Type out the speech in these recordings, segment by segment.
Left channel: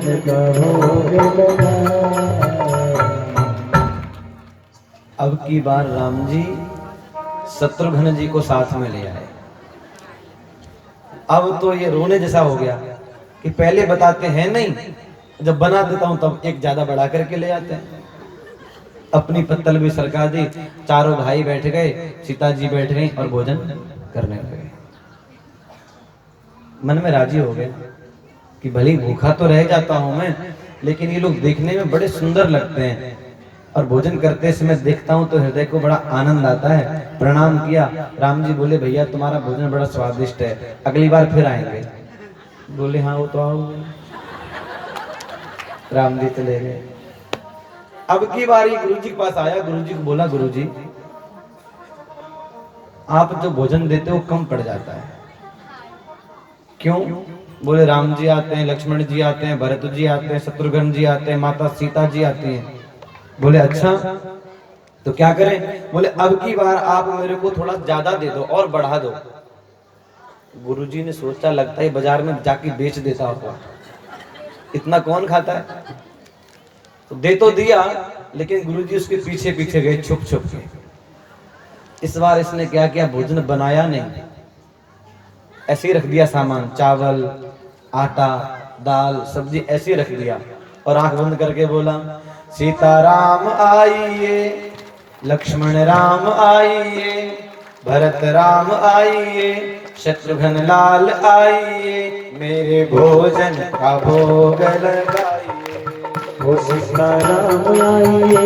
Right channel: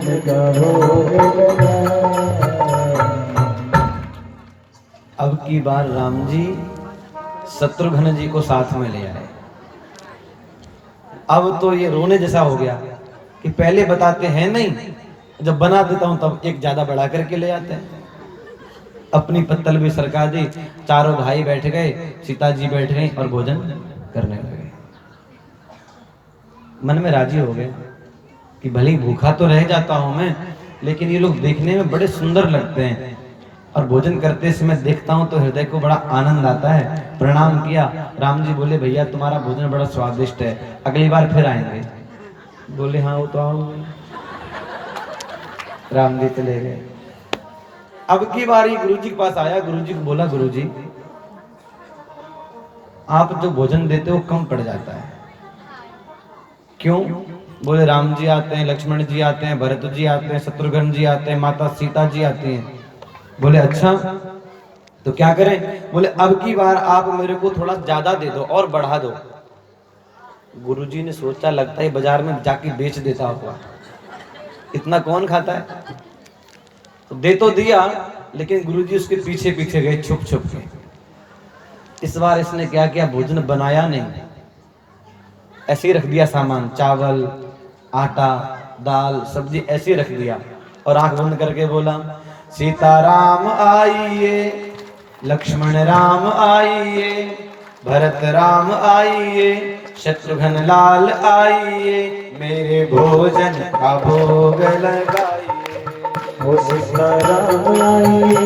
भोजन का भोग लगाए। अब की बार राम जी शत्रुघ्न जी को साथ में ले आए। अब तो ये रोने जैसा हो गया कि पहले बताते हैं नहीं, जब बना देता हूं तब एक ज्यादा बढ़ा करके ले आते हैं। अपनी पत्तल भी सरका दी, चारों भाई बैठ गए, सीता जी बैठ गई और भोजन करने लगे। मन में राजी हो गए कि भले भूखा तो रह जाता हूं मैं, लेकिन ये लोग देखने में बड़े सुंदर लगते हैं और भोजन करते समय देखता हूं तो हृदय को बड़ा आनंद आता है। प्रणाम किया। राम जी बोले भैया तुम्हारा भोजन बड़ा स्वादिष्ट है, अगली बार फिर आएंगे। बोले हाँ वो तो आऊंगे। राम जी चले गए। अब की बारी गुरु जी के पास आया। गुरु जी को बोला गुरु जी आप जो भोजन देते हो कम पड़ जाता है। क्यों? बोले राम जी आते हैं, लक्ष्मण जी आते हैं, भरत जी आते हैं, शत्रुघ्न जी आते हैं, माता सीता जी आती हैं। बोले अच्छा तो क्या करें? बोले अब की बार आप मेरे को थोड़ा ज्यादा दे दो और बढ़ा दो। गुरुजी ने सोचा लगता है बाजार में जाके बेच देता होगा, इतना कौन खाता है। तो दे तो दिया, लेकिन गुरुजी उसके पीछे पीछे गए छुप छुप के। इस बार इसने क्या किया, भोजन बनाया नहीं, ऐसे ही रख दिया सामान, चावल आटा दाल सब्जी ऐसे ही रख दिया और आंख बंद करके बोला सीताराम आइए, लक्ष्मण राम आइए, भरत राम आइए, शत्रुघ्न लाल आइए, मेरे भोजन का भोग लगाइए। हो सीताराम आइए,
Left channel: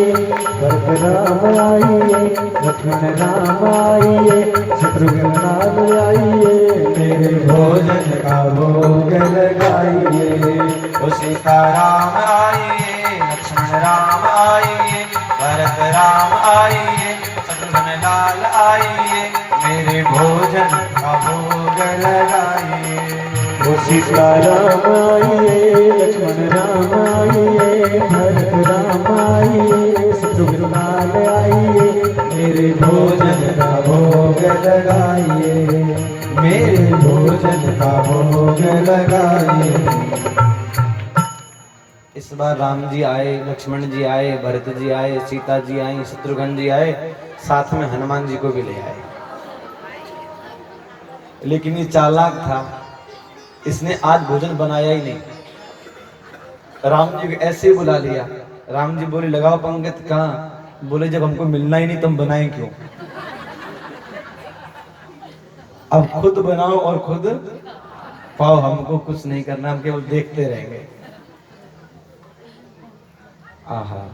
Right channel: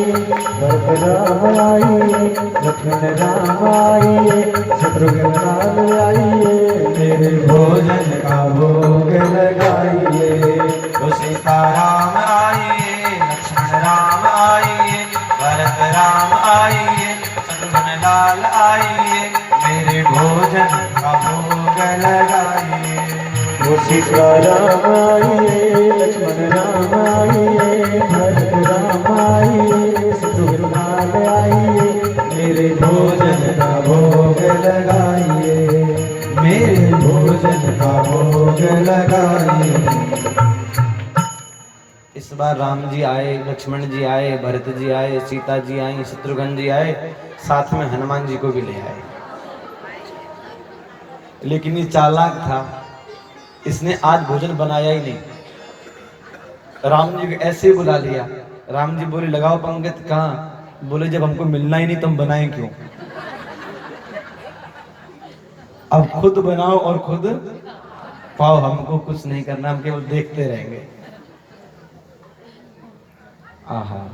भरत राम आइए, लक्ष्मण राम आइए, शत्रुघ्न राम आइए, मेरे भोजन का भोग लगाइए। हो सीताराम आइए, लक्ष्मण राम आइए, भरत राम आइए, शत्रुघ्न लाल आइए, मेरे भोजन का भोग लगाइए। हो सीताराम आइए, लक्ष्मण राम आइए, भरत राम आइए, शत्रुघ्न राम आइए, मेरे भोजन का भोग लगाइए, मेरे भोजन का भोग लगाइए। इस बार राम जी आए, लक्ष्मण जी आए, भरत जी आए, सीता जी आई, शत्रुघ्न जी आए, साथ में हनुमान जी को भी ले आए। लेकिन ये चालाक था, इसने आज भोजन बनाया ही नहीं। राम जी को ऐसे ही बुला लिया। राम जी बोले लगाओ पंगत। कहाँ? बोले जब हमको मिलना ही नहीं तो हम बनाएं क्यों। अब खुद बनाओ और खुद पाओ, हमको कुछ नहीं करना, हम केवल देखते रहेंगे। आहा,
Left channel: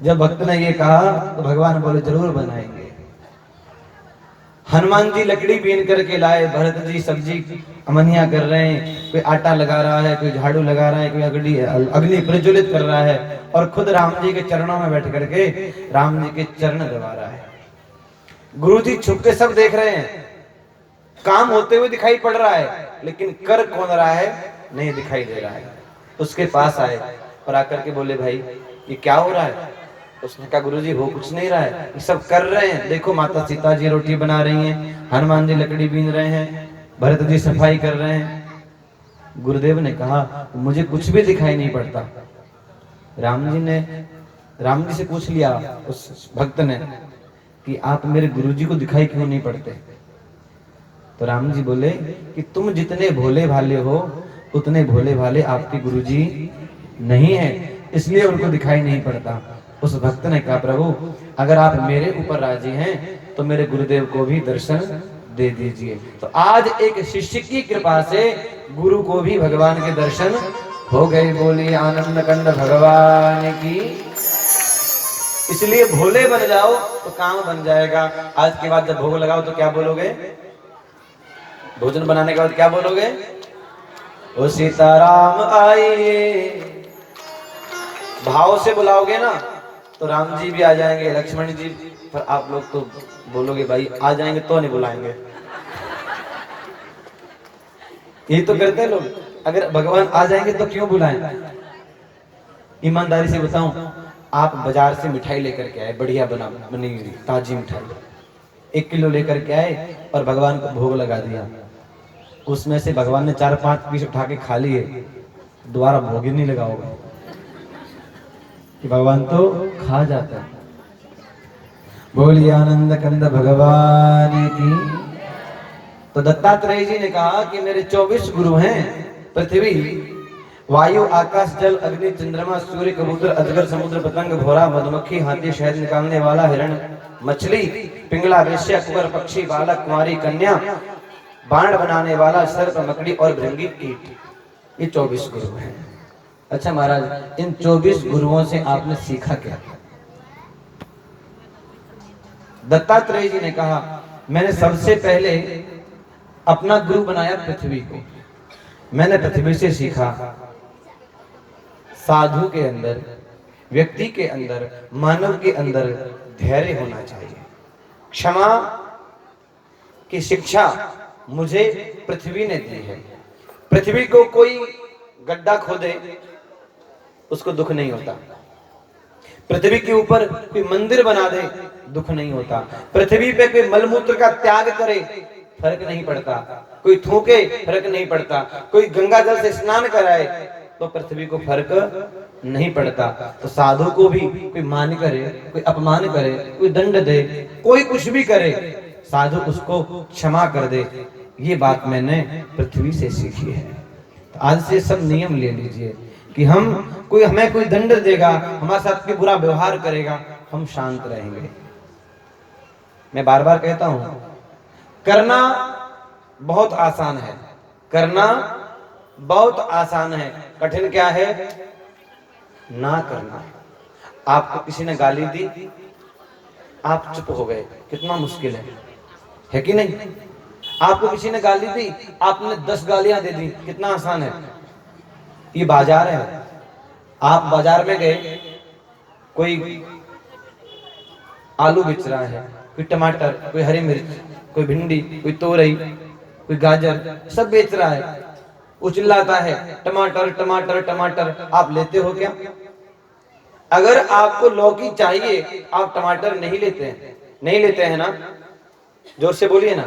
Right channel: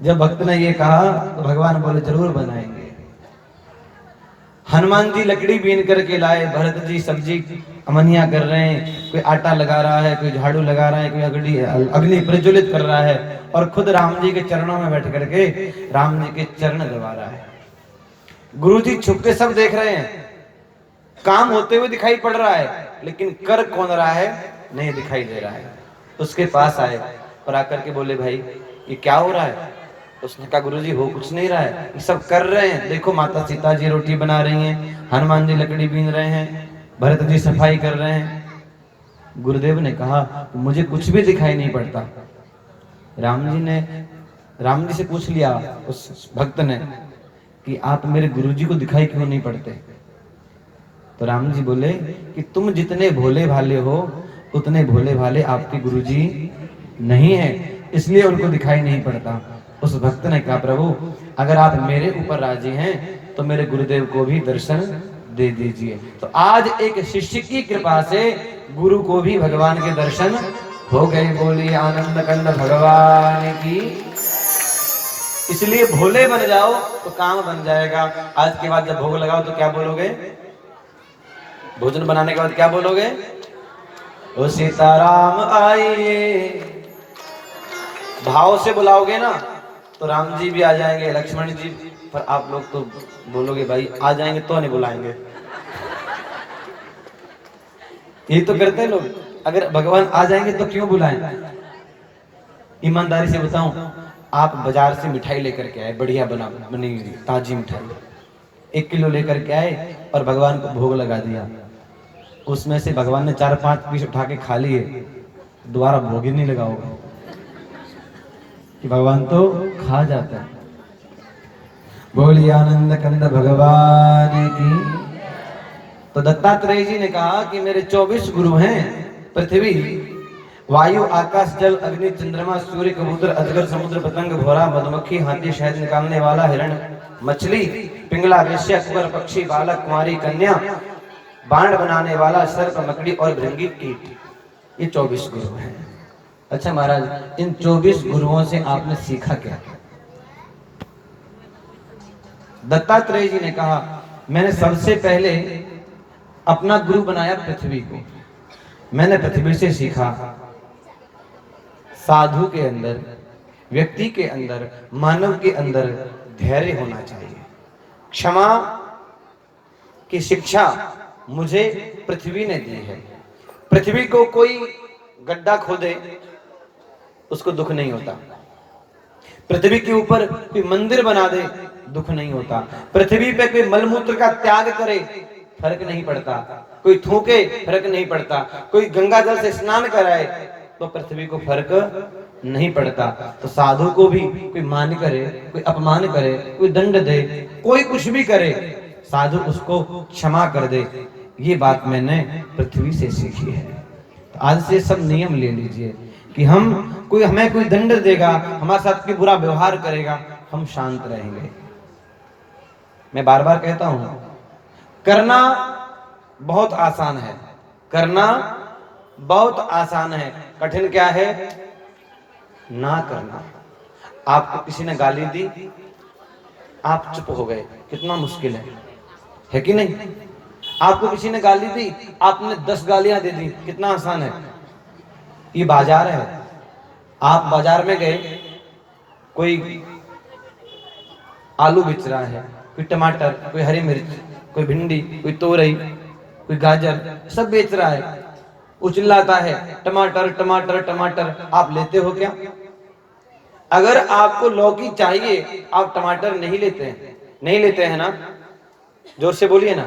जब भक्त ने ये कहा तो भगवान बोले जरूर बनाएंगे। हनुमान जी लकड़ी बीन करके लाए, भरत जी सब्जी अमनिया कर रहे हैं, कोई आटा लगा रहा है, कोई झाड़ू लगा रहा है, कोई अग्नि प्रज्वलित कर रहा है और खुद राम जी के चरणों में बैठ करके राम जी के चरण दबा रहा है। गुरु जी छुप के सब देख रहे हैं, काम होते हुए दिखाई पड़ रहा है, लेकिन कर कौन रहा है नहीं दिखाई दे रहा है। उसके पास आए और आकर के बोले भाई ये क्या हो रहा है? उसने कहा गुरुजी हो कुछ नहीं रहा है, ये सब कर रहे हैं, देखो माता सीता जी रोटी बना रही हैं, हनुमान जी लकड़ी बीन रहे हैं, भरत जी सफाई कर रहे हैं। गुरुदेव ने कहा मुझे कुछ भी दिखाई नहीं पड़ता। राम जी से पूछ लिया उस भक्त ने कि आप मेरे गुरुजी को दिखाई क्यों नहीं पड़ते? तो राम जी बोले कि तुम जितने भोले भाले हो उतने भोले भाले आपके गुरुजी नहीं है, इसलिए उनको दिखाई नहीं पड़ता। उस भक्त ने कहा प्रभु अगर आप मेरे ऊपर राजी हैं तो मेरे गुरुदेव को भी दर्शन दे दीजिए। तो आज एक शिष्य की कृपा से गुरु को भी भगवान के दर्शन हो गए। बोली आनंद कंद भगवान की। इसलिए भोले बन जाओ तो काम बन जाएगा। आज के बाद जब भोग लगाओ तो क्या बोलोगे? भोजन बनाने के बाद क्या बोलोगे? ओ सीताराम आइए। भाव से बुलाओगे ना तो राम जी भी आ जाएंगे, लक्ष्मण जी। पर आप लोग तो बोलोगे भाई आ जाएंगे तो नहीं बुलाएंगे। यही तो करते हैं लोग, अगर भगवान आ जाएंगे तो क्यों बुलाएं। ईमानदारी से बताऊं, आप बाजार से मिठाई लेकर के आए, बढ़िया बनी हुई ताजी मिठाई 1 किलो लेकर के आए और भगवान को भोग लगा दिया। उसमें से भगवान ने 4-5 पीस उठा के खा लिए दोबारा भोग ही नहीं लगा होगा कि भगवान तो खा जाता है। बोलिए आनंद कंद भगवान की। तो दत्तात्रेय जी ने कहा कि मेरे 24 गुरु हैं, पृथ्वी, वायु, आकाश, जल, अग्नि, चंद्रमा, सूर्य, कबूतर, अजगर, समुद्र, पतंग, घोड़ा, मधुमक्खी, हाथी, शहद निकालने वाला, हिरण, मछली, पिंगला, वेश्या, कुकर, पक्षी, बालक, कुमारी, कन्या, बाण बनाने वाला, सर्प, मकड़ी और भृंगी कीट, ये 24 गुरु हैं। अच्छा महाराज, इन 24 गुरुओं से आपने सीखा क्या? दत्तात्रेय जी ने कहा, मैंने सबसे पहले अपना गुरु बनाया पृथ्वी को। मैंने पृथ्वी से सीखा साधु के अंदर, व्यक्ति के अंदर, मानव के अंदर धैर्य होना चाहिए। क्षमा की शिक्षा मुझे पृथ्वी ने दी है। पृथ्वी को कोई गड्ढा खोदे उसको दुख नहीं होता, पृथ्वी के ऊपर कोई मंदिर बना दे दुख नहीं होता, पृथ्वी पे कोई मलमूत्र का त्याग करे फर्क नहीं पड़ता, कोई थूके फर्क नहीं पड़ता, कोई गंगा जल से स्नान कराए तो पृथ्वी को फर्क नहीं पड़ता। तो साधु को भी कोई मान करे, कोई अपमान करे, कोई दंड दे, कोई कुछ भी करे, साधु उसको क्षमा कर दे। ये बात मैंने पृथ्वी से सीखी है। तो आज से सब नियम ले लीजिए कि हमें कोई दंड देगा, हमारे साथ कोई बुरा व्यवहार करेगा, हम शांत रहेंगे। मैं बार बार कहता हूं, करना बहुत आसान है, करना बहुत आसान है, कठिन क्या है? ना करना। आपको किसी ने गाली दी, आप चुप हो गए, कितना मुश्किल है कि नहीं? आपको किसी ने गाली दी, आपने 10 गालियां दे दी, कितना आसान है। ये बाजार है, आप बाजार में गए, कोई आलू बेच रहा है, कोई टमाटर, कोई हरी मिर्च, कोई भिंडी, कोई तोरई, कोई गाजर, सब बेच रहा है, उचिल्लाता है टमाटर टमाटर टमाटर। आप लेते हो क्या? अगर आपको लौकी चाहिए, आप टमाटर नहीं लेते हैं, नहीं लेते हैं ना? जोर से बोलिए ना।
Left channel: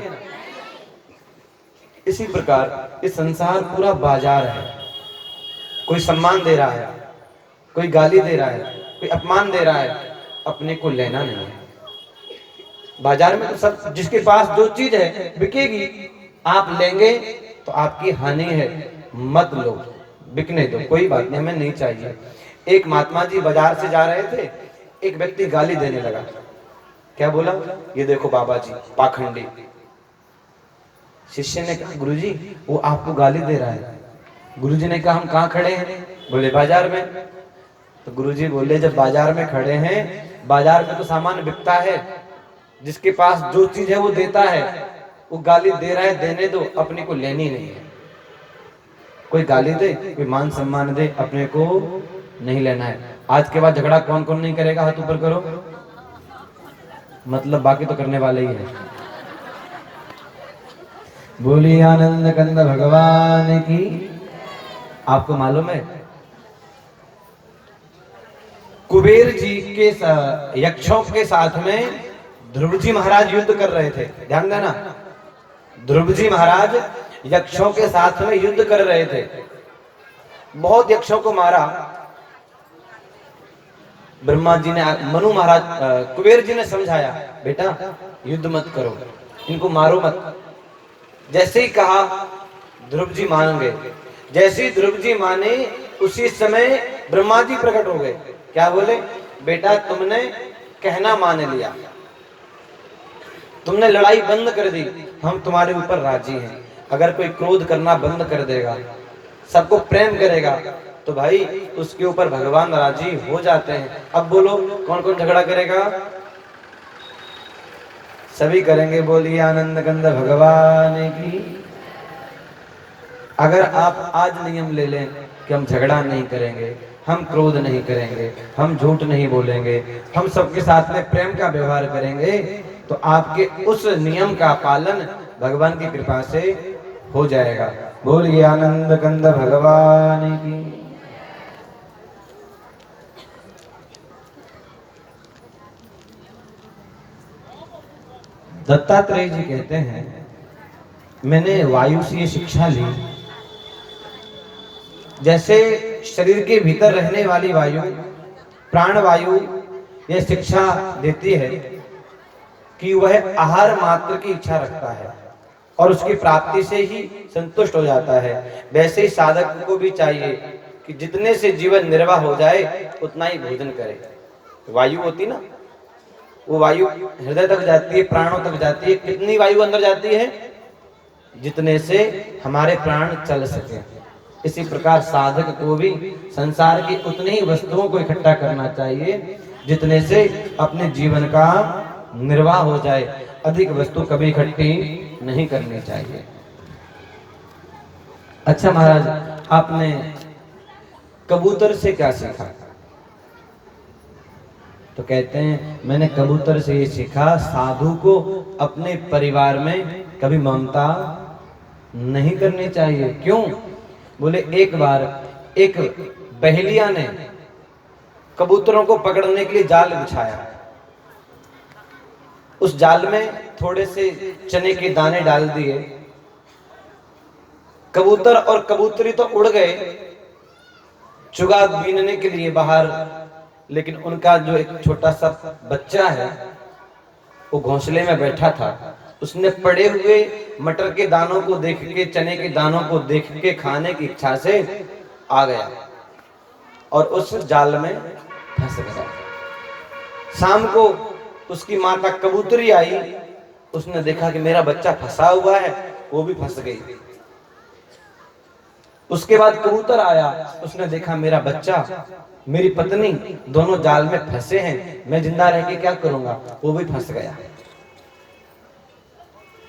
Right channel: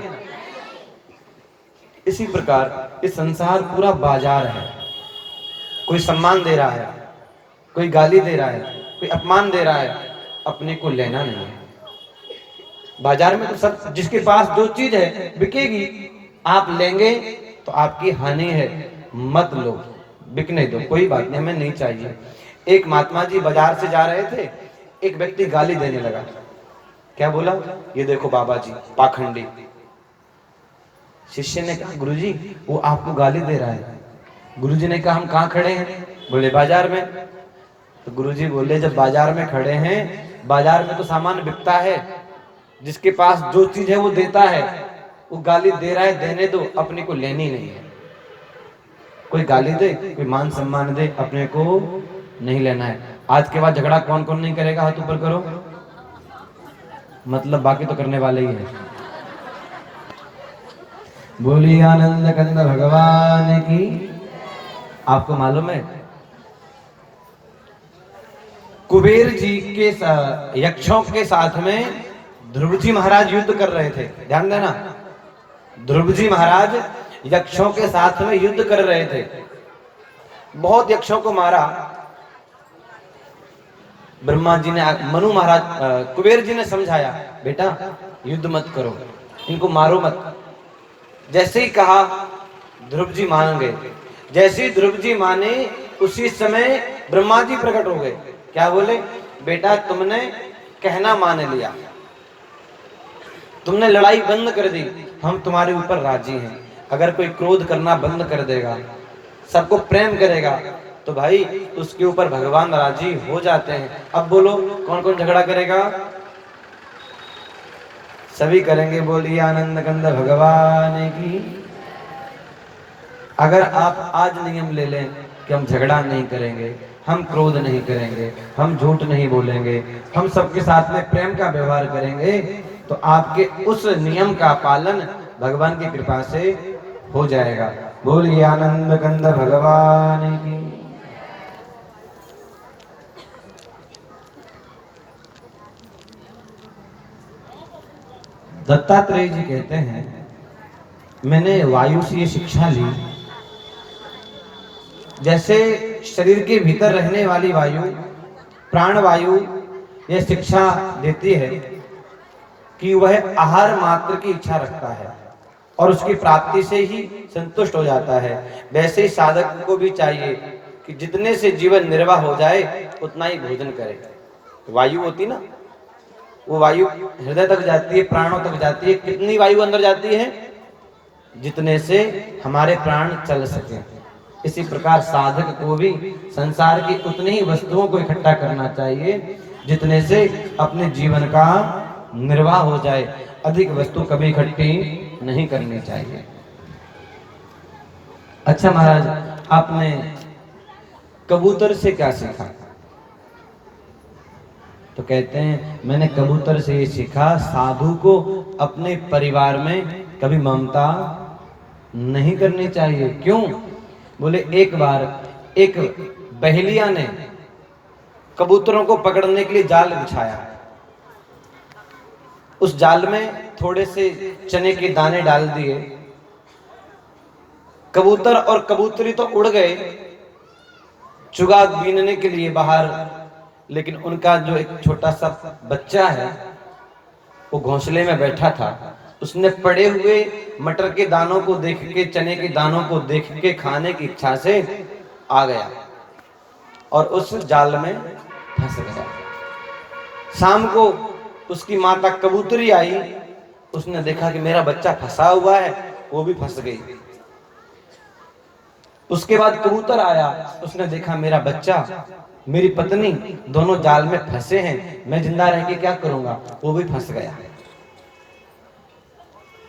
इसी प्रकार इस संसार पूरा बाजार है। कोई सम्मान दे रहा है, कोई गाली दे रहा है, कोई अपमान दे रहा है, अपने को लेना नहीं है। बाजार में तो सब, जिसके पास जो चीज है बिकेगी, आप लेंगे तो आपकी हानि है, मत लो, बिकने दो, कोई बात नहीं, हमें नहीं चाहिए। एक महात्मा जी बाजार से जा रहे थे, एक व्यक्ति गाली देने लगा। क्या बोला? ये देखो बाबा जी पाखंडी। शिष्य ने कहा, गुरुजी वो आपको गाली दे रहा है। गुरुजी ने कहा, हम कहाँ खड़े हैं? बोले बाजार में। तो गुरुजी बोले, जब बाजार में खड़े हैं, बाजार में तो सामान बिकता है, जिसके पास जो चीज है वो देता है, वो गाली दे रहा है, देने दो, अपने को लेनी नहीं है। कोई गाली दे, कोई मान सम्मान दे, अपने को नहीं लेना है। आज के बाद झगड़ा कौन कौन नहीं करेगा? हाथ ऊपर करो। मतलब बाकी तो करने वाले ही है। बोलिए आनंद कंद भगवान की। आपको मालूम है, कुबेर जी के यक्षों के साथ में ध्रुव जी महाराज युद्ध कर रहे थे। ध्यान देना, ध्रुव जी महाराज यक्षों के साथ में युद्ध कर रहे थे, बहुत यक्षों को मारा। ब्रह्मा जी ने, मनु महाराज, कुबेर जी ने समझाया, बेटा युद्ध मत करो, इनको मारो मत। जैसे ही कहा ध्रुव जी मान गए। जैसे ही ध्रुव जी माने, उसी समय ब्रह्मा जी प्रकट हो गए। क्या बोले? बेटा तुमने कहना मान लिया, तुमने लड़ाई बंद कर दी, हम तुम्हारे ऊपर राजी हैं। अगर कोई क्रोध करना बंद कर देगा, सबको प्रेम करेगा, तो भाई उसके ऊपर भगवान राजी हो जाते हैं। अब बोलो कौन कौन झगड़ा करेगा? सभी करेंगे। बोलिए आनंद कंद भगवान की। अगर आप आज नियम ले लें कि हम झगड़ा नहीं करेंगे, हम क्रोध नहीं करेंगे, हम झूठ नहीं बोलेंगे, हम सबके साथ में प्रेम का व्यवहार करेंगे, तो आपके उस नियम का पालन भगवान की कृपा से हो जाएगा। बोलिए आनंद कंद भगवान की। दत्तात्रेय जी कहते हैं, मैंने वायु से ये शिक्षा ली जैसे शरीर के भीतर रहने वाली वायु, प्राण वायु, यह शिक्षा देती है कि वह आहार मात्र की इच्छा रखता है और उसकी प्राप्ति से ही संतुष्ट हो जाता है, वैसे ही साधक को भी चाहिए कि जितने से जीवन निर्वाह हो जाए उतना ही भोजन करे। वायु होती ना, वो वायु हृदय तक जाती है, प्राणों तक जाती है। कितनी वायु अंदर जाती है? जितने से हमारे प्राण चल सके। इसी प्रकार साधक को भी संसार की उतनी ही वस्तुओं को इकट्ठा करना चाहिए जितने से अपने जीवन का निर्वाह हो जाए। अधिक वस्तु कभी इकट्ठी नहीं करनी चाहिए। अच्छा महाराज, आपने कबूतर से क्या सीखा? तो कहते हैं मैंने कबूतर से ये सीखा, साधु को अपने परिवार में कभी ममता नहीं करनी चाहिए। क्यों? बोले एक बार एक बहेलिया ने कबूतरों को पकड़ने के लिए जाल बिछाया। उस जाल में थोड़े से चने के दाने डाल दिए। कबूतर और कबूतरी तो उड़ गए चुगाग बीनने के लिए बाहर, लेकिन उनका जो एक छोटा सा बच्चा है वो घोंसले में बैठा था। उसने पड़े हुए मटर के दानों को देख के, चने के दानों को देख के खाने की इच्छा से आ गया और उस जाल में फंस गया। शाम को उसकी माता कबूतरी आई, उसने देखा कि मेरा बच्चा फंसा हुआ है, वो भी फंस गई। उसके बाद कबूतर आया, उसने देखा मेरा बच्चा, मेरी पत्नी दोनों जाल में फंसे हैं, मैं जिंदा रह के क्या करूंगा, वो भी फंस गया।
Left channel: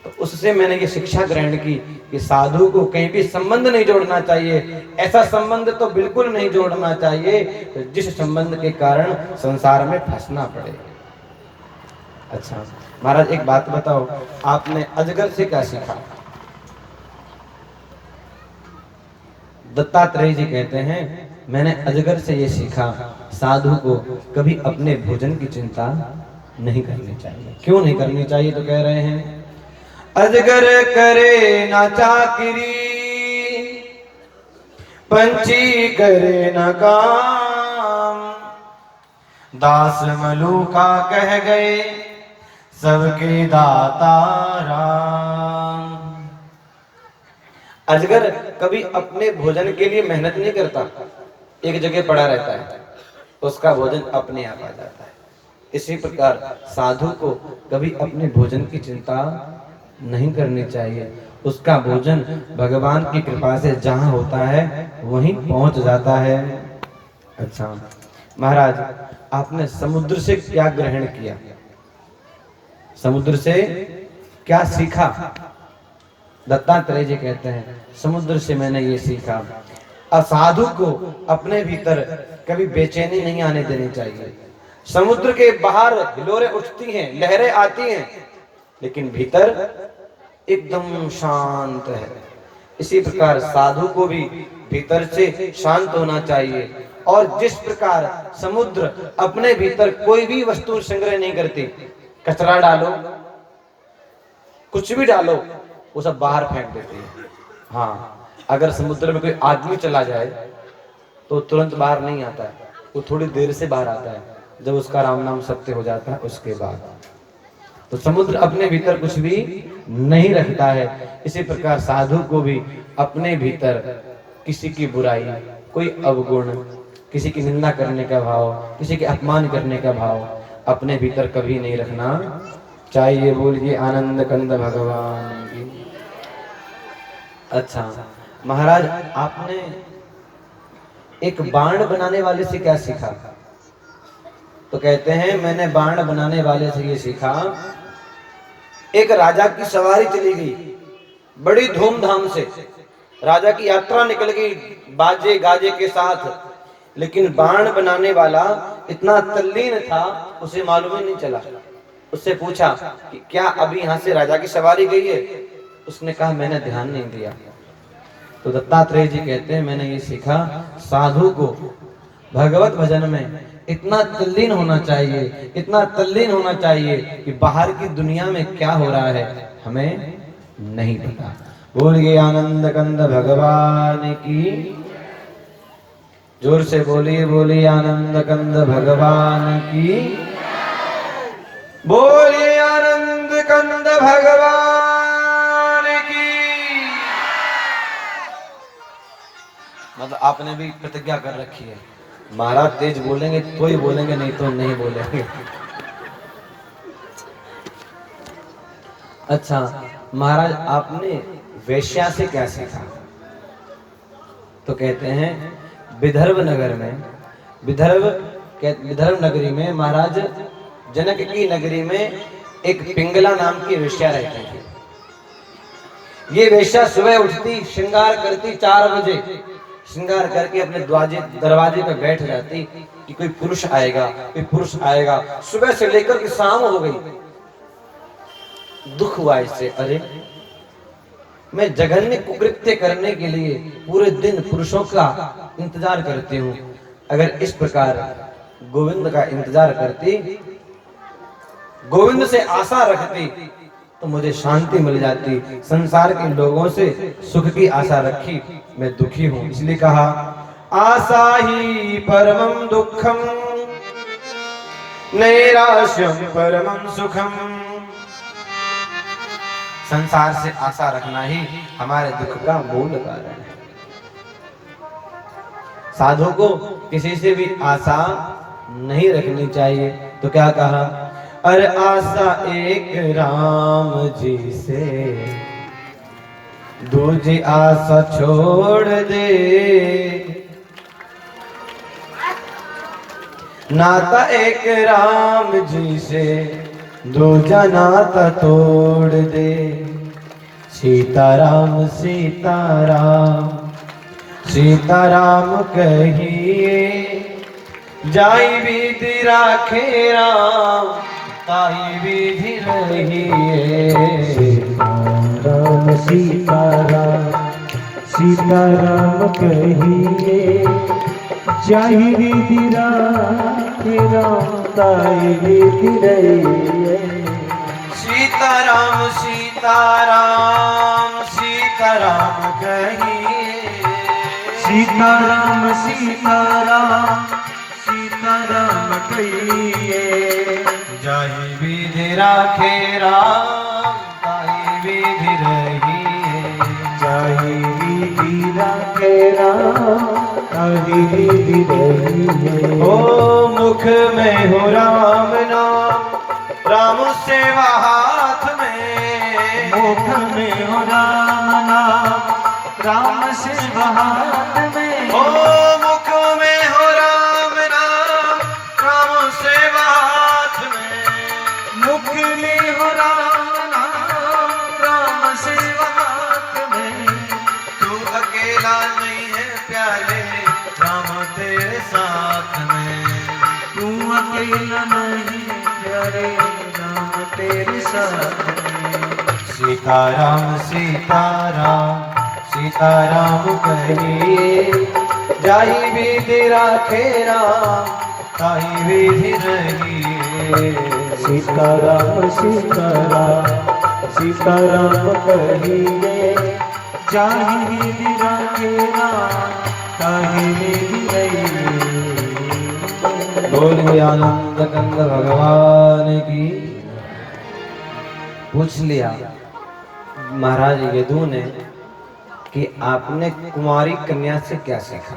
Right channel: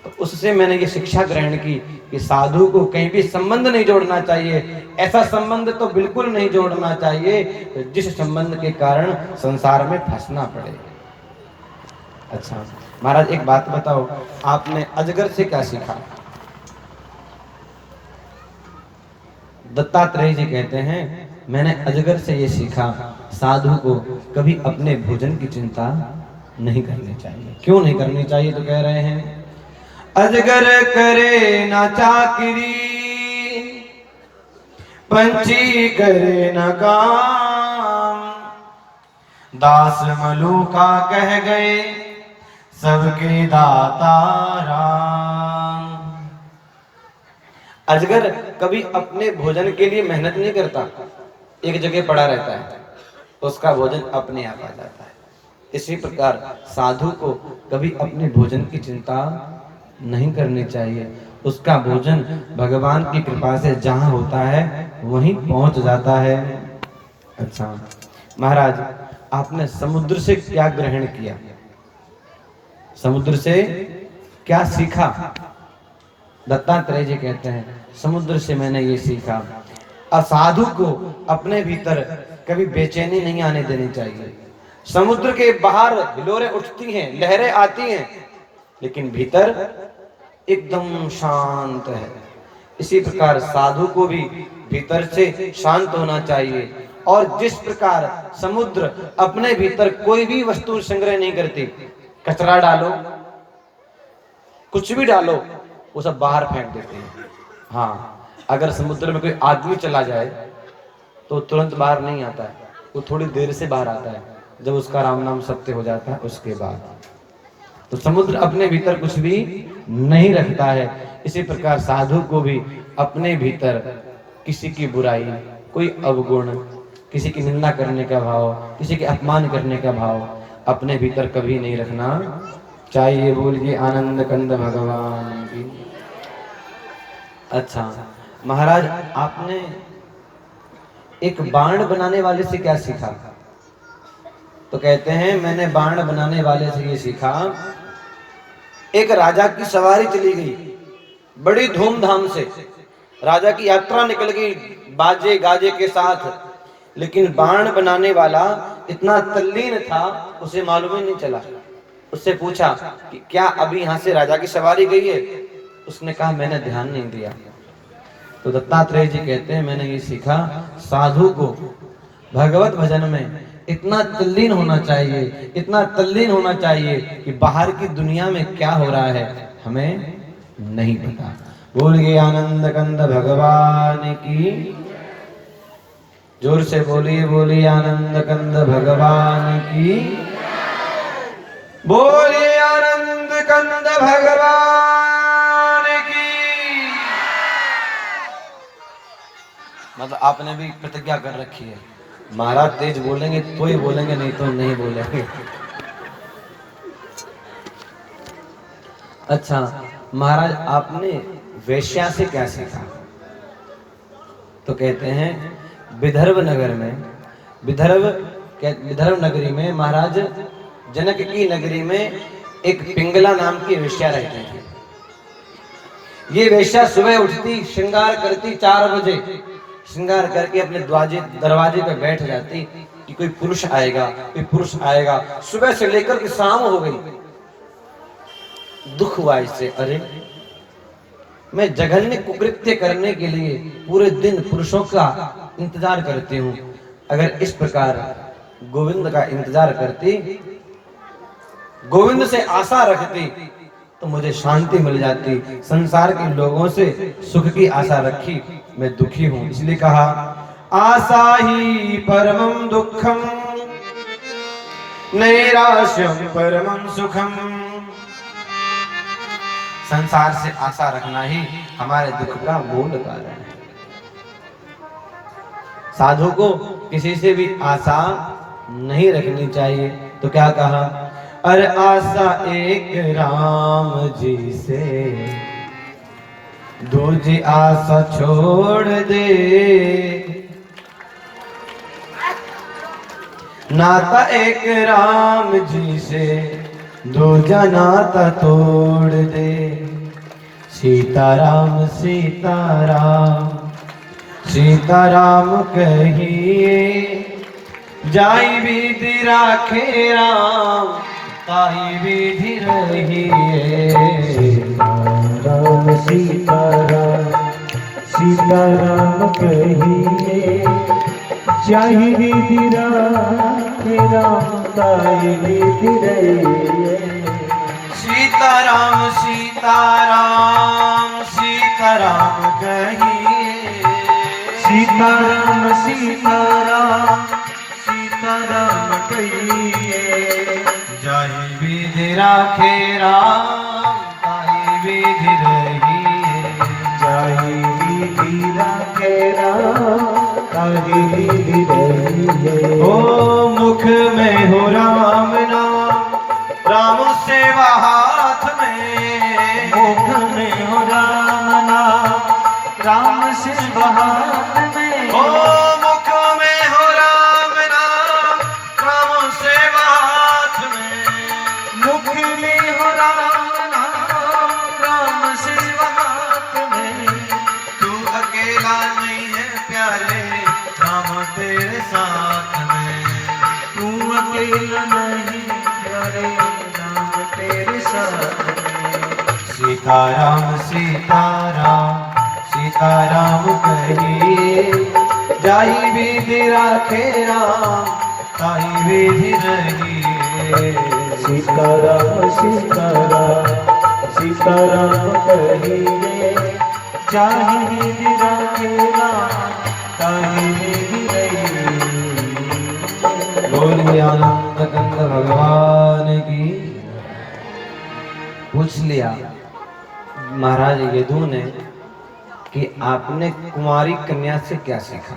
तो उससे मैंने ये शिक्षा ग्रहण की कि साधु को कहीं भी संबंध नहीं जोड़ना चाहिए। ऐसा संबंध तो बिल्कुल नहीं जोड़ना चाहिए जिस संबंध के कारण संसार में फंसना पड़े। अच्छा महाराज, एक बात बताओ, आपने अजगर से क्या सीखा? दत्तात्रेय जी कहते हैं मैंने अजगर से ये सीखा, साधु को कभी अपने भोजन की चिंता नहीं करनी चाहिए। क्यों नहीं करनी चाहिए? तो कह रहे हैं अजगर करे ना चाकरी, पंछी करे ना काम, दास मलूका कह गए सबकी दाता राम। अजगर कभी अपने भोजन के लिए मेहनत नहीं करता, एक जगह पड़ा रहता है, उसका भोजन अपने आप आ जाता है। इसी प्रकार साधु को कभी अपने भोजन की चिंता नहीं करनी चाहिए। उसका भोजन भगवान की कृपा से जहां होता है वहीं पहुंच जाता है। अच्छा महाराज, आपने समुद्र से क्या ग्रहण किया? समुद्र से क्या सीखा? दत्तात्रेय जी कहते हैं समुद्र से मैंने ये सीखा, असाधु को अपने भीतर कभी बेचैनी नहीं आने देनी चाहिए। समुद्र के बाहर हिलोरें उठती हैं, लहरें आती हैं, लेकिन भीतर एकदम शांत है। इसी प्रकार साधु को भी भीतर से शांत होना चाहिए। और जिस प्रकार समुद्र अपने भीतर कोई भी वस्तु संग्रह नहीं करती, कचरा डालो, कुछ भी डालो, वो सब बाहर फेंक देते हैं। हाँ, अगर समुद्र में कोई आदमी चला जाए तो तुरंत बाहर नहीं आता है, वो थोड़ी देर से बाहर आता है, जब उसका राम नाम सत्य हो जाता है उसके बाद। तो समुद्र अपने भीतर कुछ भी नहीं रखता है। इसी प्रकार साधु को भी अपने भीतर किसी की बुराई, कोई अवगुण, किसी की निंदा करने का भाव, किसी के अपमान करने का भाव अपने भीतर कभी नहीं रखना चाहिए। बोलिए आनंद कंद भगवान की। अच्छा महाराज, आपने एक बाण बनाने वाले से क्या सीखा? तो कहते हैं मैंने बाण बनाने वाले से ये सीखा, एक राजा की सवारी चली गई बड़ी धूमधाम से, राजा की यात्रा निकल गई बाजे गाजे के साथ, लेकिन बाण बनाने वाला इतना तल्लीन था उसे मालूम ही नहीं चला। उससे पूछा कि क्या अभी यहाँ से राजा की सवारी गई है? उसने कहा मैंने ध्यान नहीं दिया। तो दत्तात्रेय जी कहते हैं मैंने ये सीखा, साधु को भगवत भजन में इतना तल्लीन होना चाहिए, इतना तल्लीन होना चाहिए कि बाहर की दुनिया में क्या हो रहा है हमें नहीं पता। बोलिए आनंद कंद भगवान की। जोर से बोली बोली आनंद कंद भगवान की, बोली आनंद कंद भगवान की। मतलब आपने भी प्रतिज्ञा कर रखी है, महाराज तेज बोलेंगे तो ही बोलेंगे, नहीं तो नहीं बोलेंगे। अच्छा महाराज, आपने वेश्या से क्या सीखा? तो कहते हैं विदर्भ नगर में, विदर्भ नगरी में, महाराज जनक की नगरी में एक पिंगला नाम की वेश्या रहती थी। ये वेश्या सुबह उठती, श्रृंगार करती, 4 बजे श्रृंगार करके अपने दरवाजे पर बैठ जाती कि कोई पुरुष आएगा, कोई पुरुष आएगा। सुबह से लेकर के शाम हो गई, दुख हुआ इससे, अरे मैं जघन्य कुकृत्य करने के लिए पूरे दिन पुरुषों का इंतजार करती हूँ, अगर इस प्रकार गोविंद का इंतजार करती, गोविंद से आशा रखती तो मुझे शांति मिल जाती। संसार के लोगों से सुख की आशा रखी, मैं दुखी हूँ, इसलिए कहा आशा ही परमं दुखम नैराश्यम परमं सुखम। संसार से आशा रखना ही हमारे दुख का मूल कारण है। साधु को किसी से भी आशा नहीं रखनी चाहिए। तो क्या कहा, अरे आशा एक राम जी से, दूजी आशा छोड़ दे। नाता एक राम जी से, दूजा नाता तोड़ दे। सीताराम सीताराम सीताराम कहिए, जाई विधि राखे राम, ताई विधि रहिए। राम सीताराम सीताराम कहिए, जाई विधि राखे राम, ताई विधि रहिए। सीताराम सीताराम सीताराम कहिए, सीताराम सीताराम सीताराम कहिए, जाहि विधि राखे राम, ताहि विधि रहिए। जाहि विधि राखे राम, ताहि विधि रहिए। ओ मुख में हो राम नाम, राम सेवा हाथ में। मुख में हो राम नाम, राम सेवा हाथ में। ओ मुख में हो राम नाम, राम सेवा हाथ में। मुख में हो राम नाम, राम सेवा हाथ में। तू अकेला नहीं है प्यारे, राम तेरे साथ में। तू अकेला नहीं प्यारे, राम तेरे साथ में। सीताराम सीताराम सीताराम कहिए, जाहि विधि राखे राम, ताहि विधि रहिए। सीताराम सीताराम सीताराम कहिए, जाहि विधि राखे राम, ताहि विधि रहिए। बोलिए आनंद कंद भगवान की। पूछ लिया महाराज यदु ने कि आपने कुमारी कन्या से क्या सीखा।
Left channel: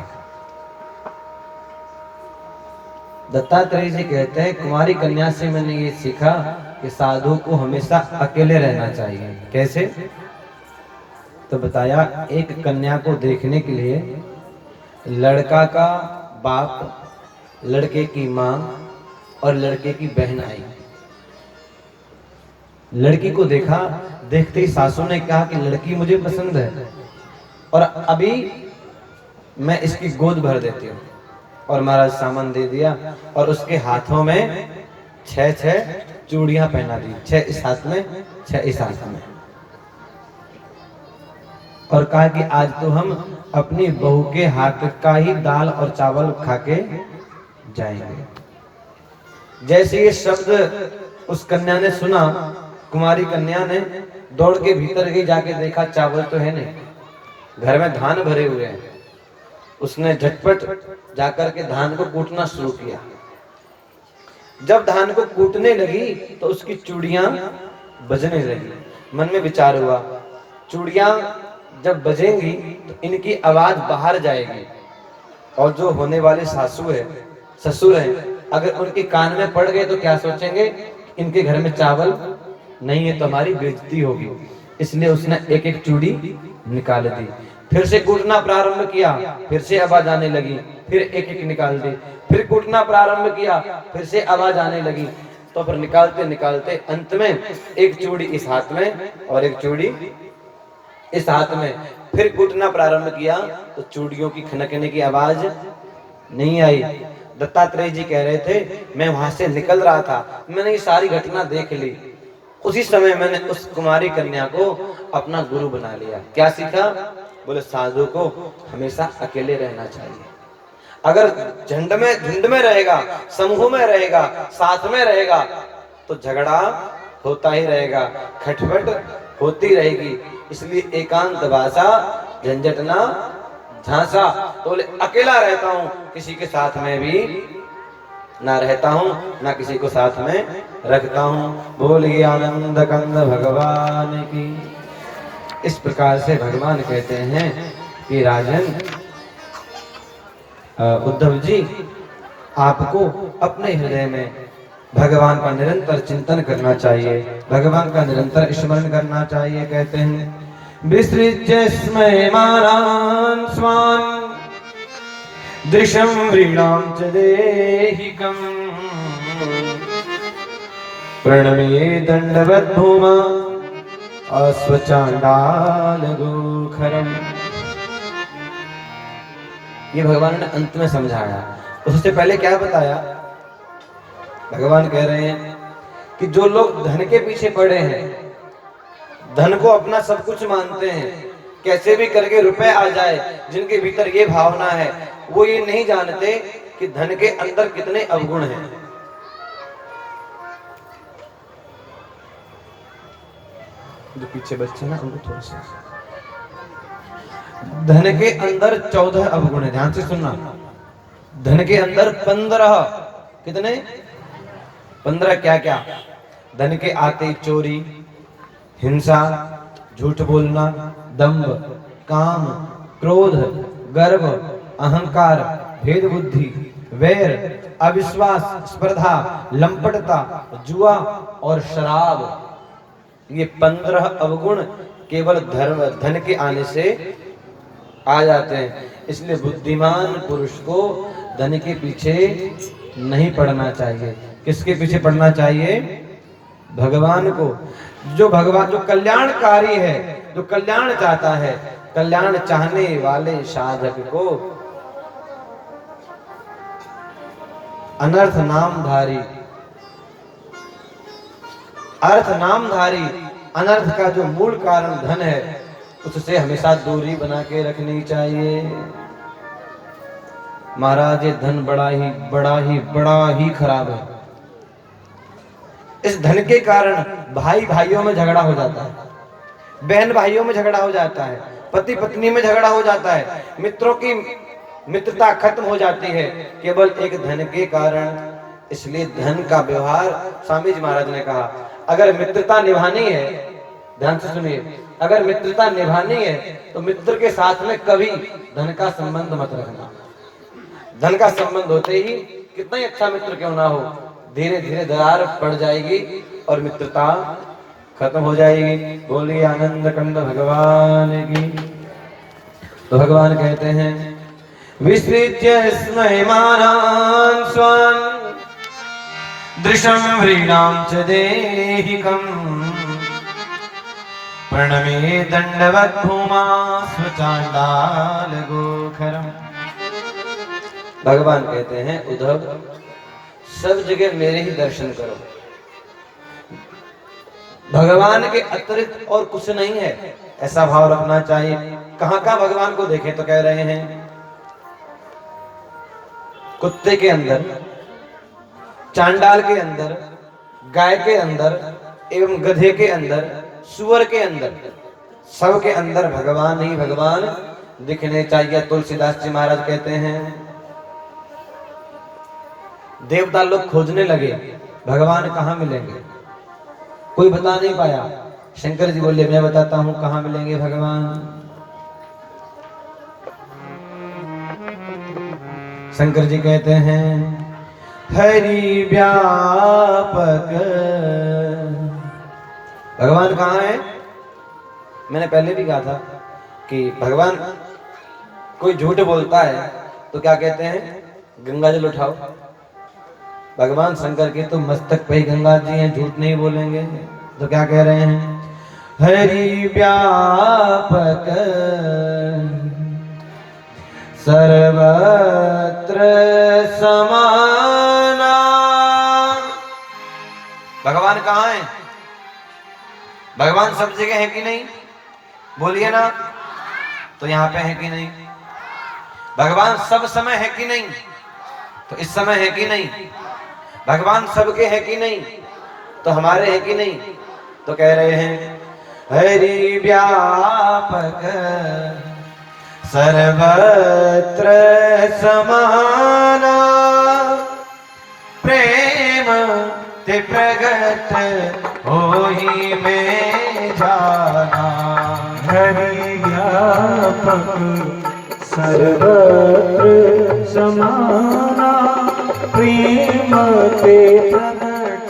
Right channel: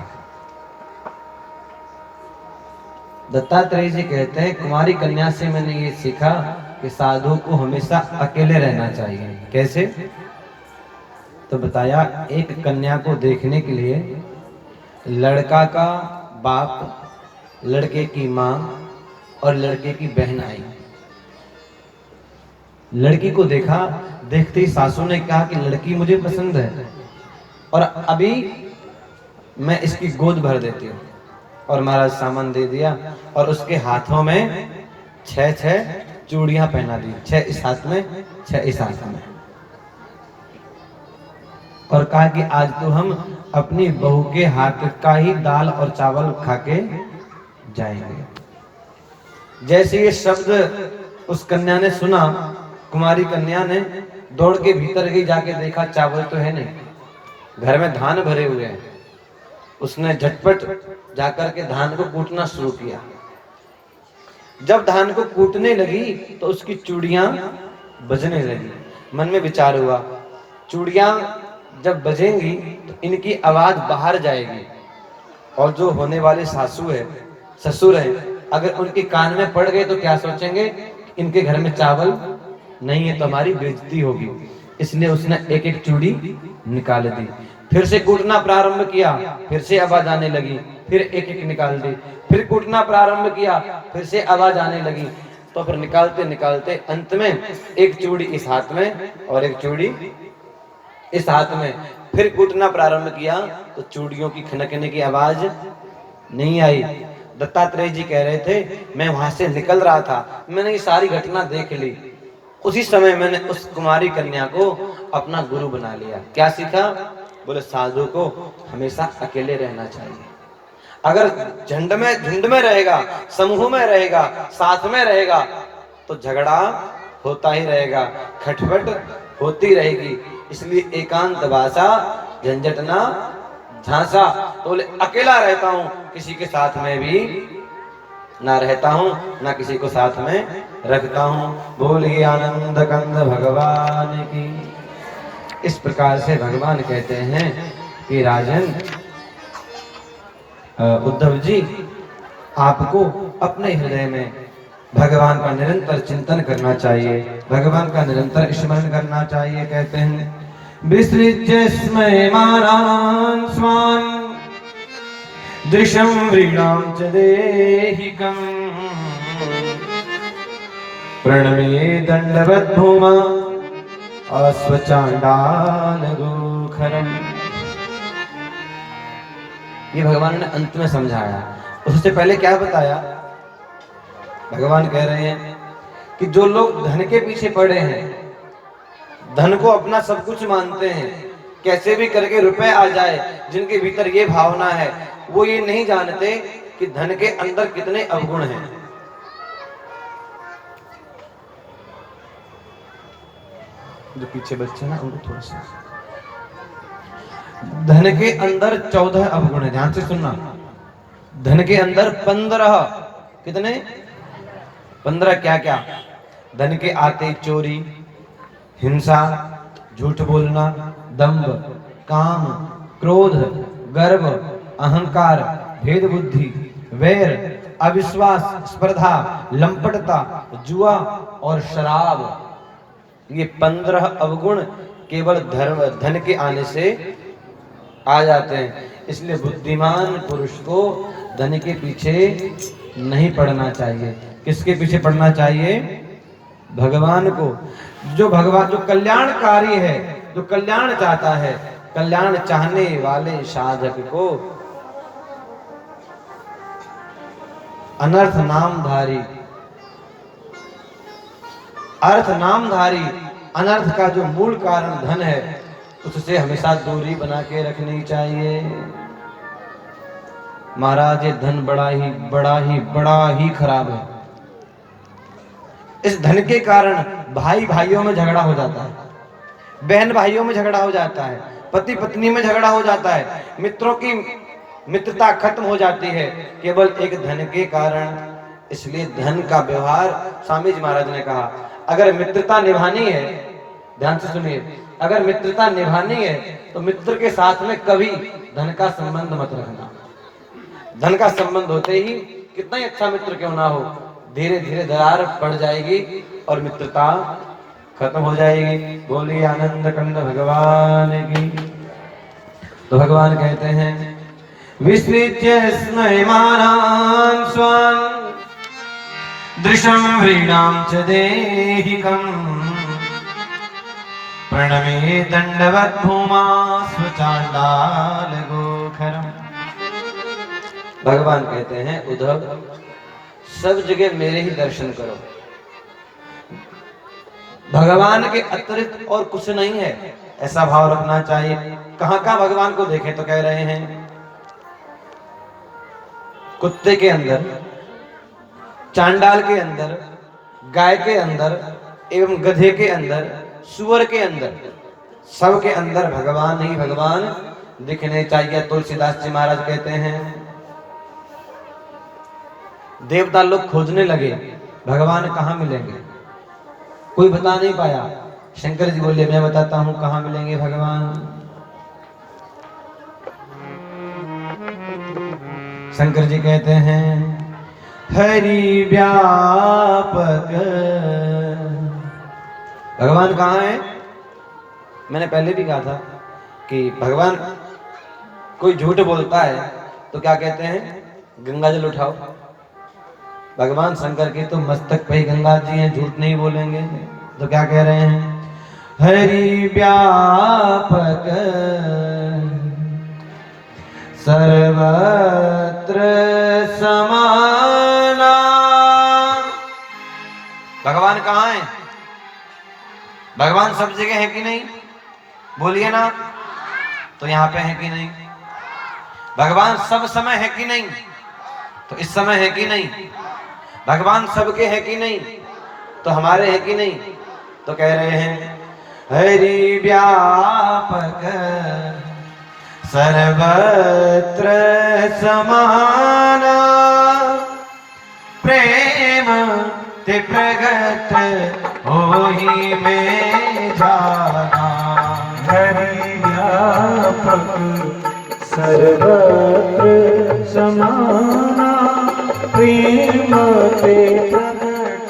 दत्तात्रेय जी कहते हैं कुमारी कन्या से मैंने ये सीखा कि साधु को हमेशा अकेले रहना चाहिए। कैसे? तो बताया, एक कन्या को देखने के लिए लड़का का बाप, लड़के की माँ और लड़के की बहन आई। लड़की को देखा, देखते ही सासू ने कहा कि लड़की मुझे पसंद है और अभी मैं इसकी गोद भर देती हूँ। और महाराज सामान दे दिया और उसके हाथों में 6 चूड़ियां पहना दी, 6 इस हाथ में, 6 इस हाथ में। और कहा कि आज तो हम अपनी बहू के हाथ का ही दाल और चावल खा के जाएंगे। जैसे ये शब्द उस कन्या ने सुना, कुमारी कन्या ने दौड़ के भीतर गई, जाके देखा चावल तो है नहीं, घर में धान भरे हुए हैं। उसने झटपट जाकर के धान को कूटना शुरू किया। जब धान को कूटने लगी तो उसकी चूड़ियां बजने लगी। मन में विचार हुआ, चूड़ियां जब बजेंगी तो इनकी आवाज बाहर जाएगी, और जो होने वाले सासू है, ससुर है, अगर उनके कान में पड़ गए तो क्या सोचेंगे, इनके घर में चावल नहीं है तो हमारी बेइज्जती होगी। इसलिए उसने एक एक चूड़ी निकाल दी। फिर से कूटना प्रारंभ किया, फिर से आवाज आने लगी, फिर एक एक निकाल दी। फिर कूटना प्रारंभ किया, फिर से आवाज आने लगी। तो फिर निकालते निकालते अंत में एक चूड़ी इस हाथ में और एक चूड़ी इस हाथ में। फिर कूटना प्रारंभ किया तो चूड़ियों की खनकने की आवाज नहीं आई। दत्तात्रेय जी कह रहे थे, मैं वहां से निकल रहा था, मैंने ये सारी घटना देख ली। उसी समय मैंने उस कुमारी कन्या को अपना गुरु बना लिया। क्या सीखा? बोले साधु को हमेशा अकेले रहना चाहिए। अगर झुंड में रहेगा, समूह में रहेगा, साथ में रहेगा तो झगड़ा होता ही रहेगा, खटपट होती रहेगी। इसलिए एकांत वासा झंझट ना झांसा। तो बोले अकेला रहता हूं, किसी के साथ में भी ना रहता हूं, ना किसी को साथ में रखता हूं। बोलिए आनंद कंद भगवान की। इस प्रकार से भगवान कहते हैं कि राजन उद्धव जी, आपको अपने हृदय में भगवान का निरंतर चिंतन करना चाहिए, भगवान का निरंतर स्मरण करना चाहिए। कहते हैं विसृज्य स्मयमानान् स्वान् दृशं व्रीणां च देहिकम् प्रणमे दंडवत् भूमा अस्वचांडाल गोखरम। ये भगवान ने अंत में समझाया। उससे पहले क्या बताया? भगवान कह रहे हैं कि जो लोग धन के पीछे पड़े हैं, धन को अपना सब कुछ मानते हैं, कैसे भी करके रुपए आ जाए, जिनके भीतर ये भावना है, वो ये नहीं जानते कि धन के अंदर कितने अवगुण हैं। जो पीछे बच्चे ना उनको थोड़ा सा, धन के अंदर 14 अवगुण है। ध्यान से सुनना। धन के अंदर 15, कितने? 15 क्या क्या? धन के आते चोरी, हिंसा, झूठ बोलना, दंभ, काम, क्रोध, गर्व, अहंकार, भेद बुद्धि, वैर, अविश्वास, स्पर्धा, लंपटता, जुआ और शराब। ये 15 अवगुण केवल धन के आने से आ जाते हैं। इसलिए बुद्धिमान पुरुष को धन के पीछे नहीं पड़ना चाहिए। किसके पीछे पड़ना चाहिए? भगवान को। जो भगवान, जो कल्याणकारी है, जो कल्याण चाहता है, कल्याण चाहने वाले साधक को अनर्थ नामधारी, अर्थ नामधारी अनर्थ का जो मूल कारण धन है, उससे हमेशा दूरी बना के रखनी चाहिए। महाराज ये धन बड़ा ही खराब है। इस धन के कारण भाई भाइयों में झगड़ा हो जाता है, बहन भाइयों में झगड़ा हो जाता है, पति पत्नी में झगड़ा हो जाता है, मित्रों की मित्रता खत्म हो जाती है केवल एक धन के कारण। इसलिए धन का व्यवहार, स्वामी जी महाराज ने कहा, अगर मित्रता निभानी है, ध्यान से सुनिए, अगर मित्रता निभानी है तो मित्र के साथ में कभी धन का संबंध मत रखना। धन का संबंध होते ही कितना ही अच्छा मित्र क्यों ना हो, धीरे धीरे दरार पड़ जाएगी और मित्रता खत्म हो जाएगी। बोलिए आनंद कंद भगवान की। तो भगवान कहते हैं विसृज्य स्मयमानान् स्वान् दृशं व्रीणां च देहिकम् प्रणमे दंडवत् भूमा स्वचांडाल गोखरम। भगवान कहते हैं उद्धव, सब जगह मेरे ही दर्शन करो, भगवान के अतिरिक्त और कुछ नहीं है, ऐसा भाव रखना चाहिए। कहां कहां भगवान को देखें तो कह रहे हैं कुत्ते के अंदर, चांडाल के अंदर, गाय के अंदर एवं गधे के अंदर, सुअर के अंदर, सब के अंदर भगवान ही भगवान दिखने चाहिए। तुलसीदास जी महाराज कहते हैं देवता लोग खोजने लगे भगवान कहाँ मिलेंगे, कोई बता नहीं पाया। शंकर जी बोले मैं बताता हूँ कहाँ मिलेंगे भगवान। शंकर जी कहते हैं हरि व्यापक। भगवान कहाँ है? मैंने पहले भी कहा था कि भगवान कोई झूठ बोलता है तो क्या कहते हैं, गंगा जल उठाओ। भगवान शंकर के तो मस्तक पे ही गंगा जी हैं, झूठ नहीं बोलेंगे। तो क्या कह रहे हैं, हरि व्यापक सर्वत्र समाना। भगवान कहाँ है? भगवान सब जगह है कि नहीं? बोलिए ना। तो यहाँ पे है कि नहीं? भगवान सब समय है कि नहीं? तो इस समय है कि नहीं? भगवान सबके है कि नहीं? तो हमारे है कि नहीं? तो कह रहे हैं हरि व्यापक सर्वत्र समाना प्रेम ते प्रगट होई में जाना। हरि व्यापक सर्वत्र समाना प्रेम ते प्रगट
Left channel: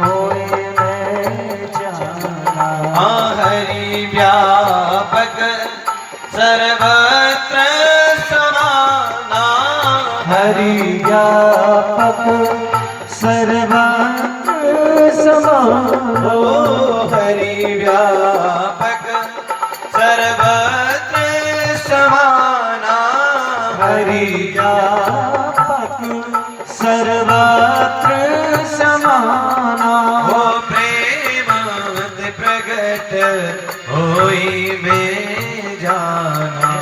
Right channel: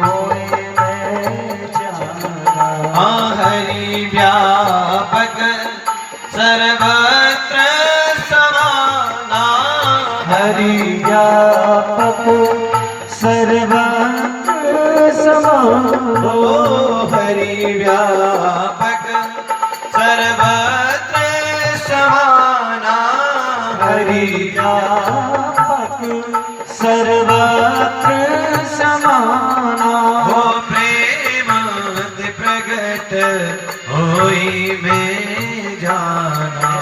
होए में जाना। हरि व्यापक सर्वत्र समाना। हरि व्यापक सर्वत्र समाना। हरि व्यापक सर्वत्र समाना। हरि व्यापक सर्वत्र समाना। हो प्रेम प्रगट होई में जाना।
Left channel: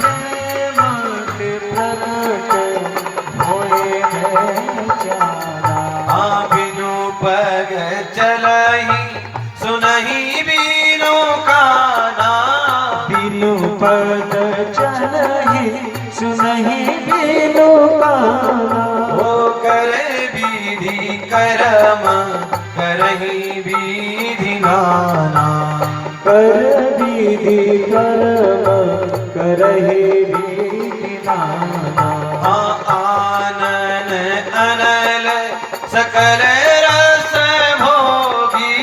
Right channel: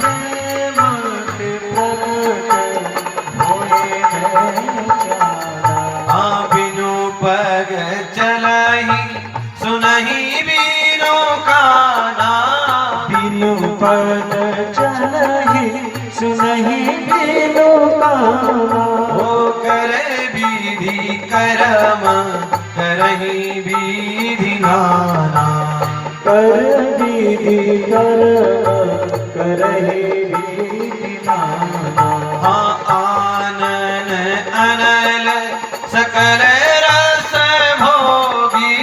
प्रेम प्रगट होए में जाना। बिनु पग चलही सुनही बीनो काना। बिनु पग चलहि सुनहि बिनु काना। ओ करे विधि करम करही विधि नाना। कर विधि कर्म करहि विधि नाना। आनन अनल सकल रस भोगी।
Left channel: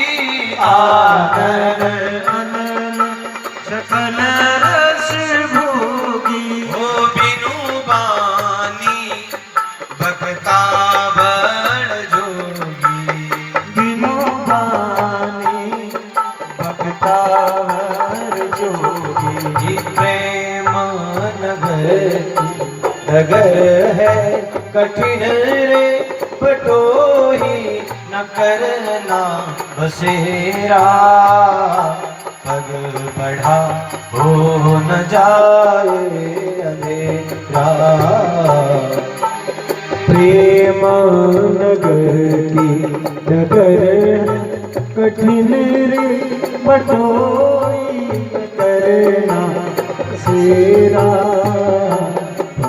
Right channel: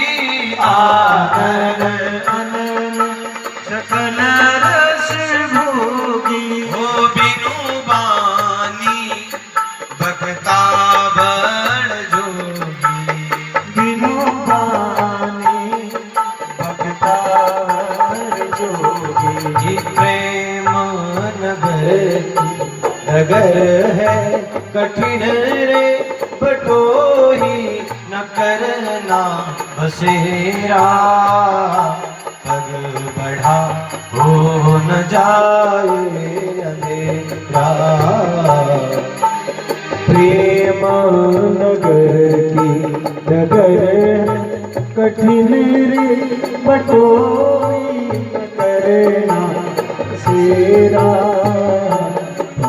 आनन अनल सकल रस भोगी। हो बिनु बानी भक्ता बड़ जोगी। बिनु बानी भक्ता वर जोगी। प्रेम नगर है कठिन रे बटोही न करना बसेरा। पग बढ़ा हो न जाए अंधेरा। प्रेम नगर की नगर कठिन रे बटोई न करना सेरा।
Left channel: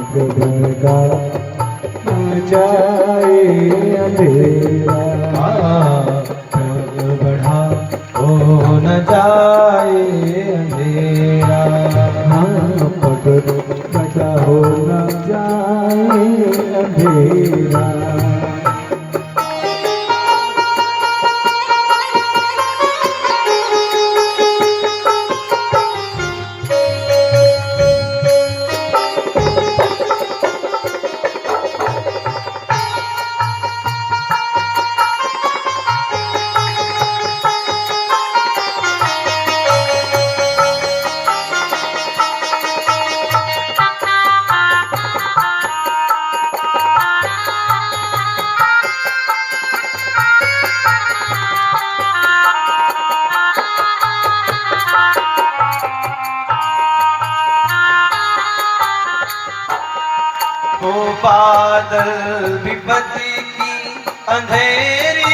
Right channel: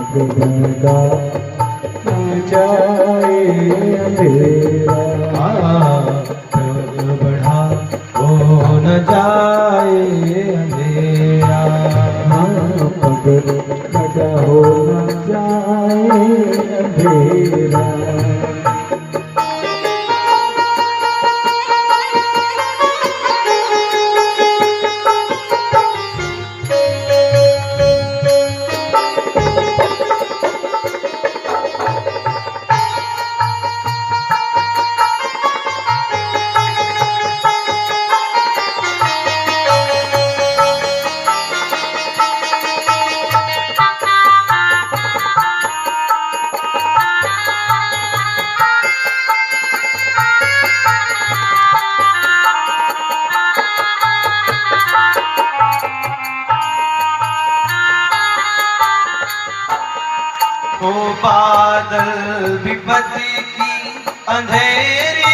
पगड़गा न जाए अंधेरा। पग बढ़ा हो न जाए अंधेरा। पगड़गा हो न जाए अंधेरा। ओ बादल विपत्ति की अंधेरी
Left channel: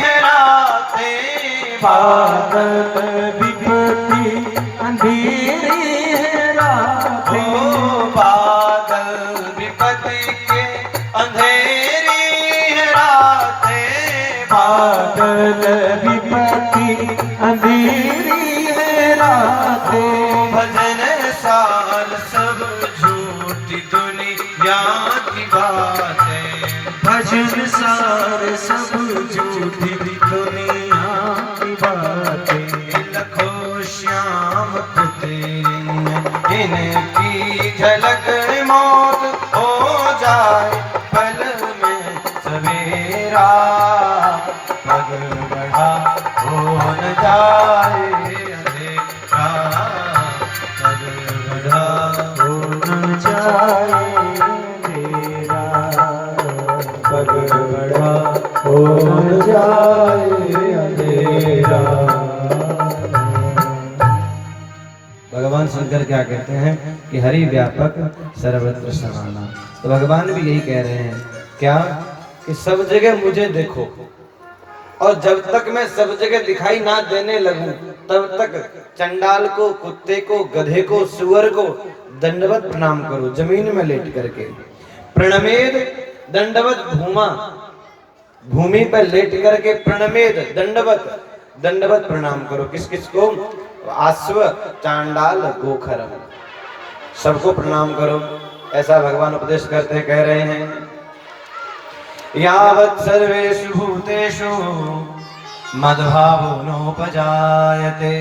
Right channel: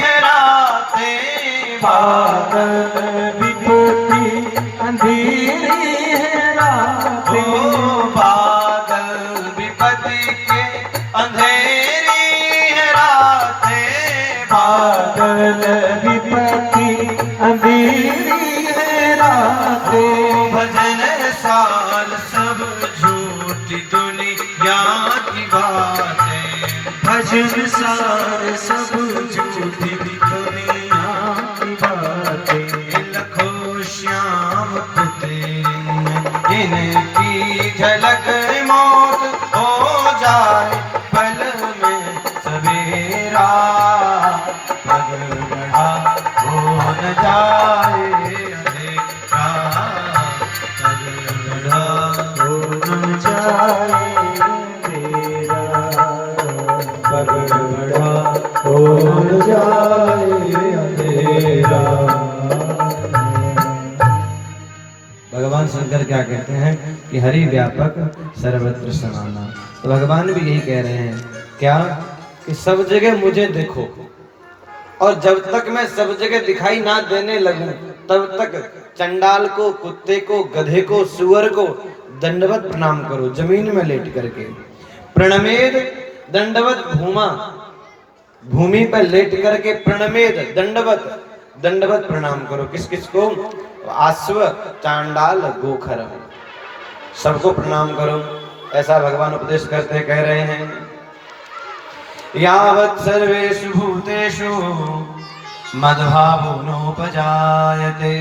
है रातें। बादल विपत्ति अंधेरी है रातें। भजन सार सब झूठी दुनिया की बातें, भजन सार सब झूठी दुनिया की बातें। लखो श्याम तेरी इनकी झलक मौत हो जाए पल में सवेरा, पग बढ़ा हो न जाए अंधेरा, पग बढ़ा हो न जाए अंधेरा, पग बढ़ा हो न जाए अंधेरा। भगवान शंकर क्या कहते हैं कि हरि व्यापक सर्वत्र समाना। तो भगवान भी यही कह रहे हैं क्या कि सब जगह मुझे देखो, और जब तक मैं सब जगह दिखाई ना देने लगूं तब तक चंडाल को, कुत्ते को, गधे को, सुअर को दंडवत प्रणाम करो, जमीन में लेट करके। प्रणमेद दंडवत भूमा, भूमि पर लेट करके प्रणमेद दंडवत, दंडवत प्रणाम करो। किस किस को? आश्व, चांडाल, गोखर, सबको प्रणाम करो। ऐसा भगवान उपदेश करते कह रहे हैं। यावत् सर्वेषु भूतेषु मद्भावो नोपजायते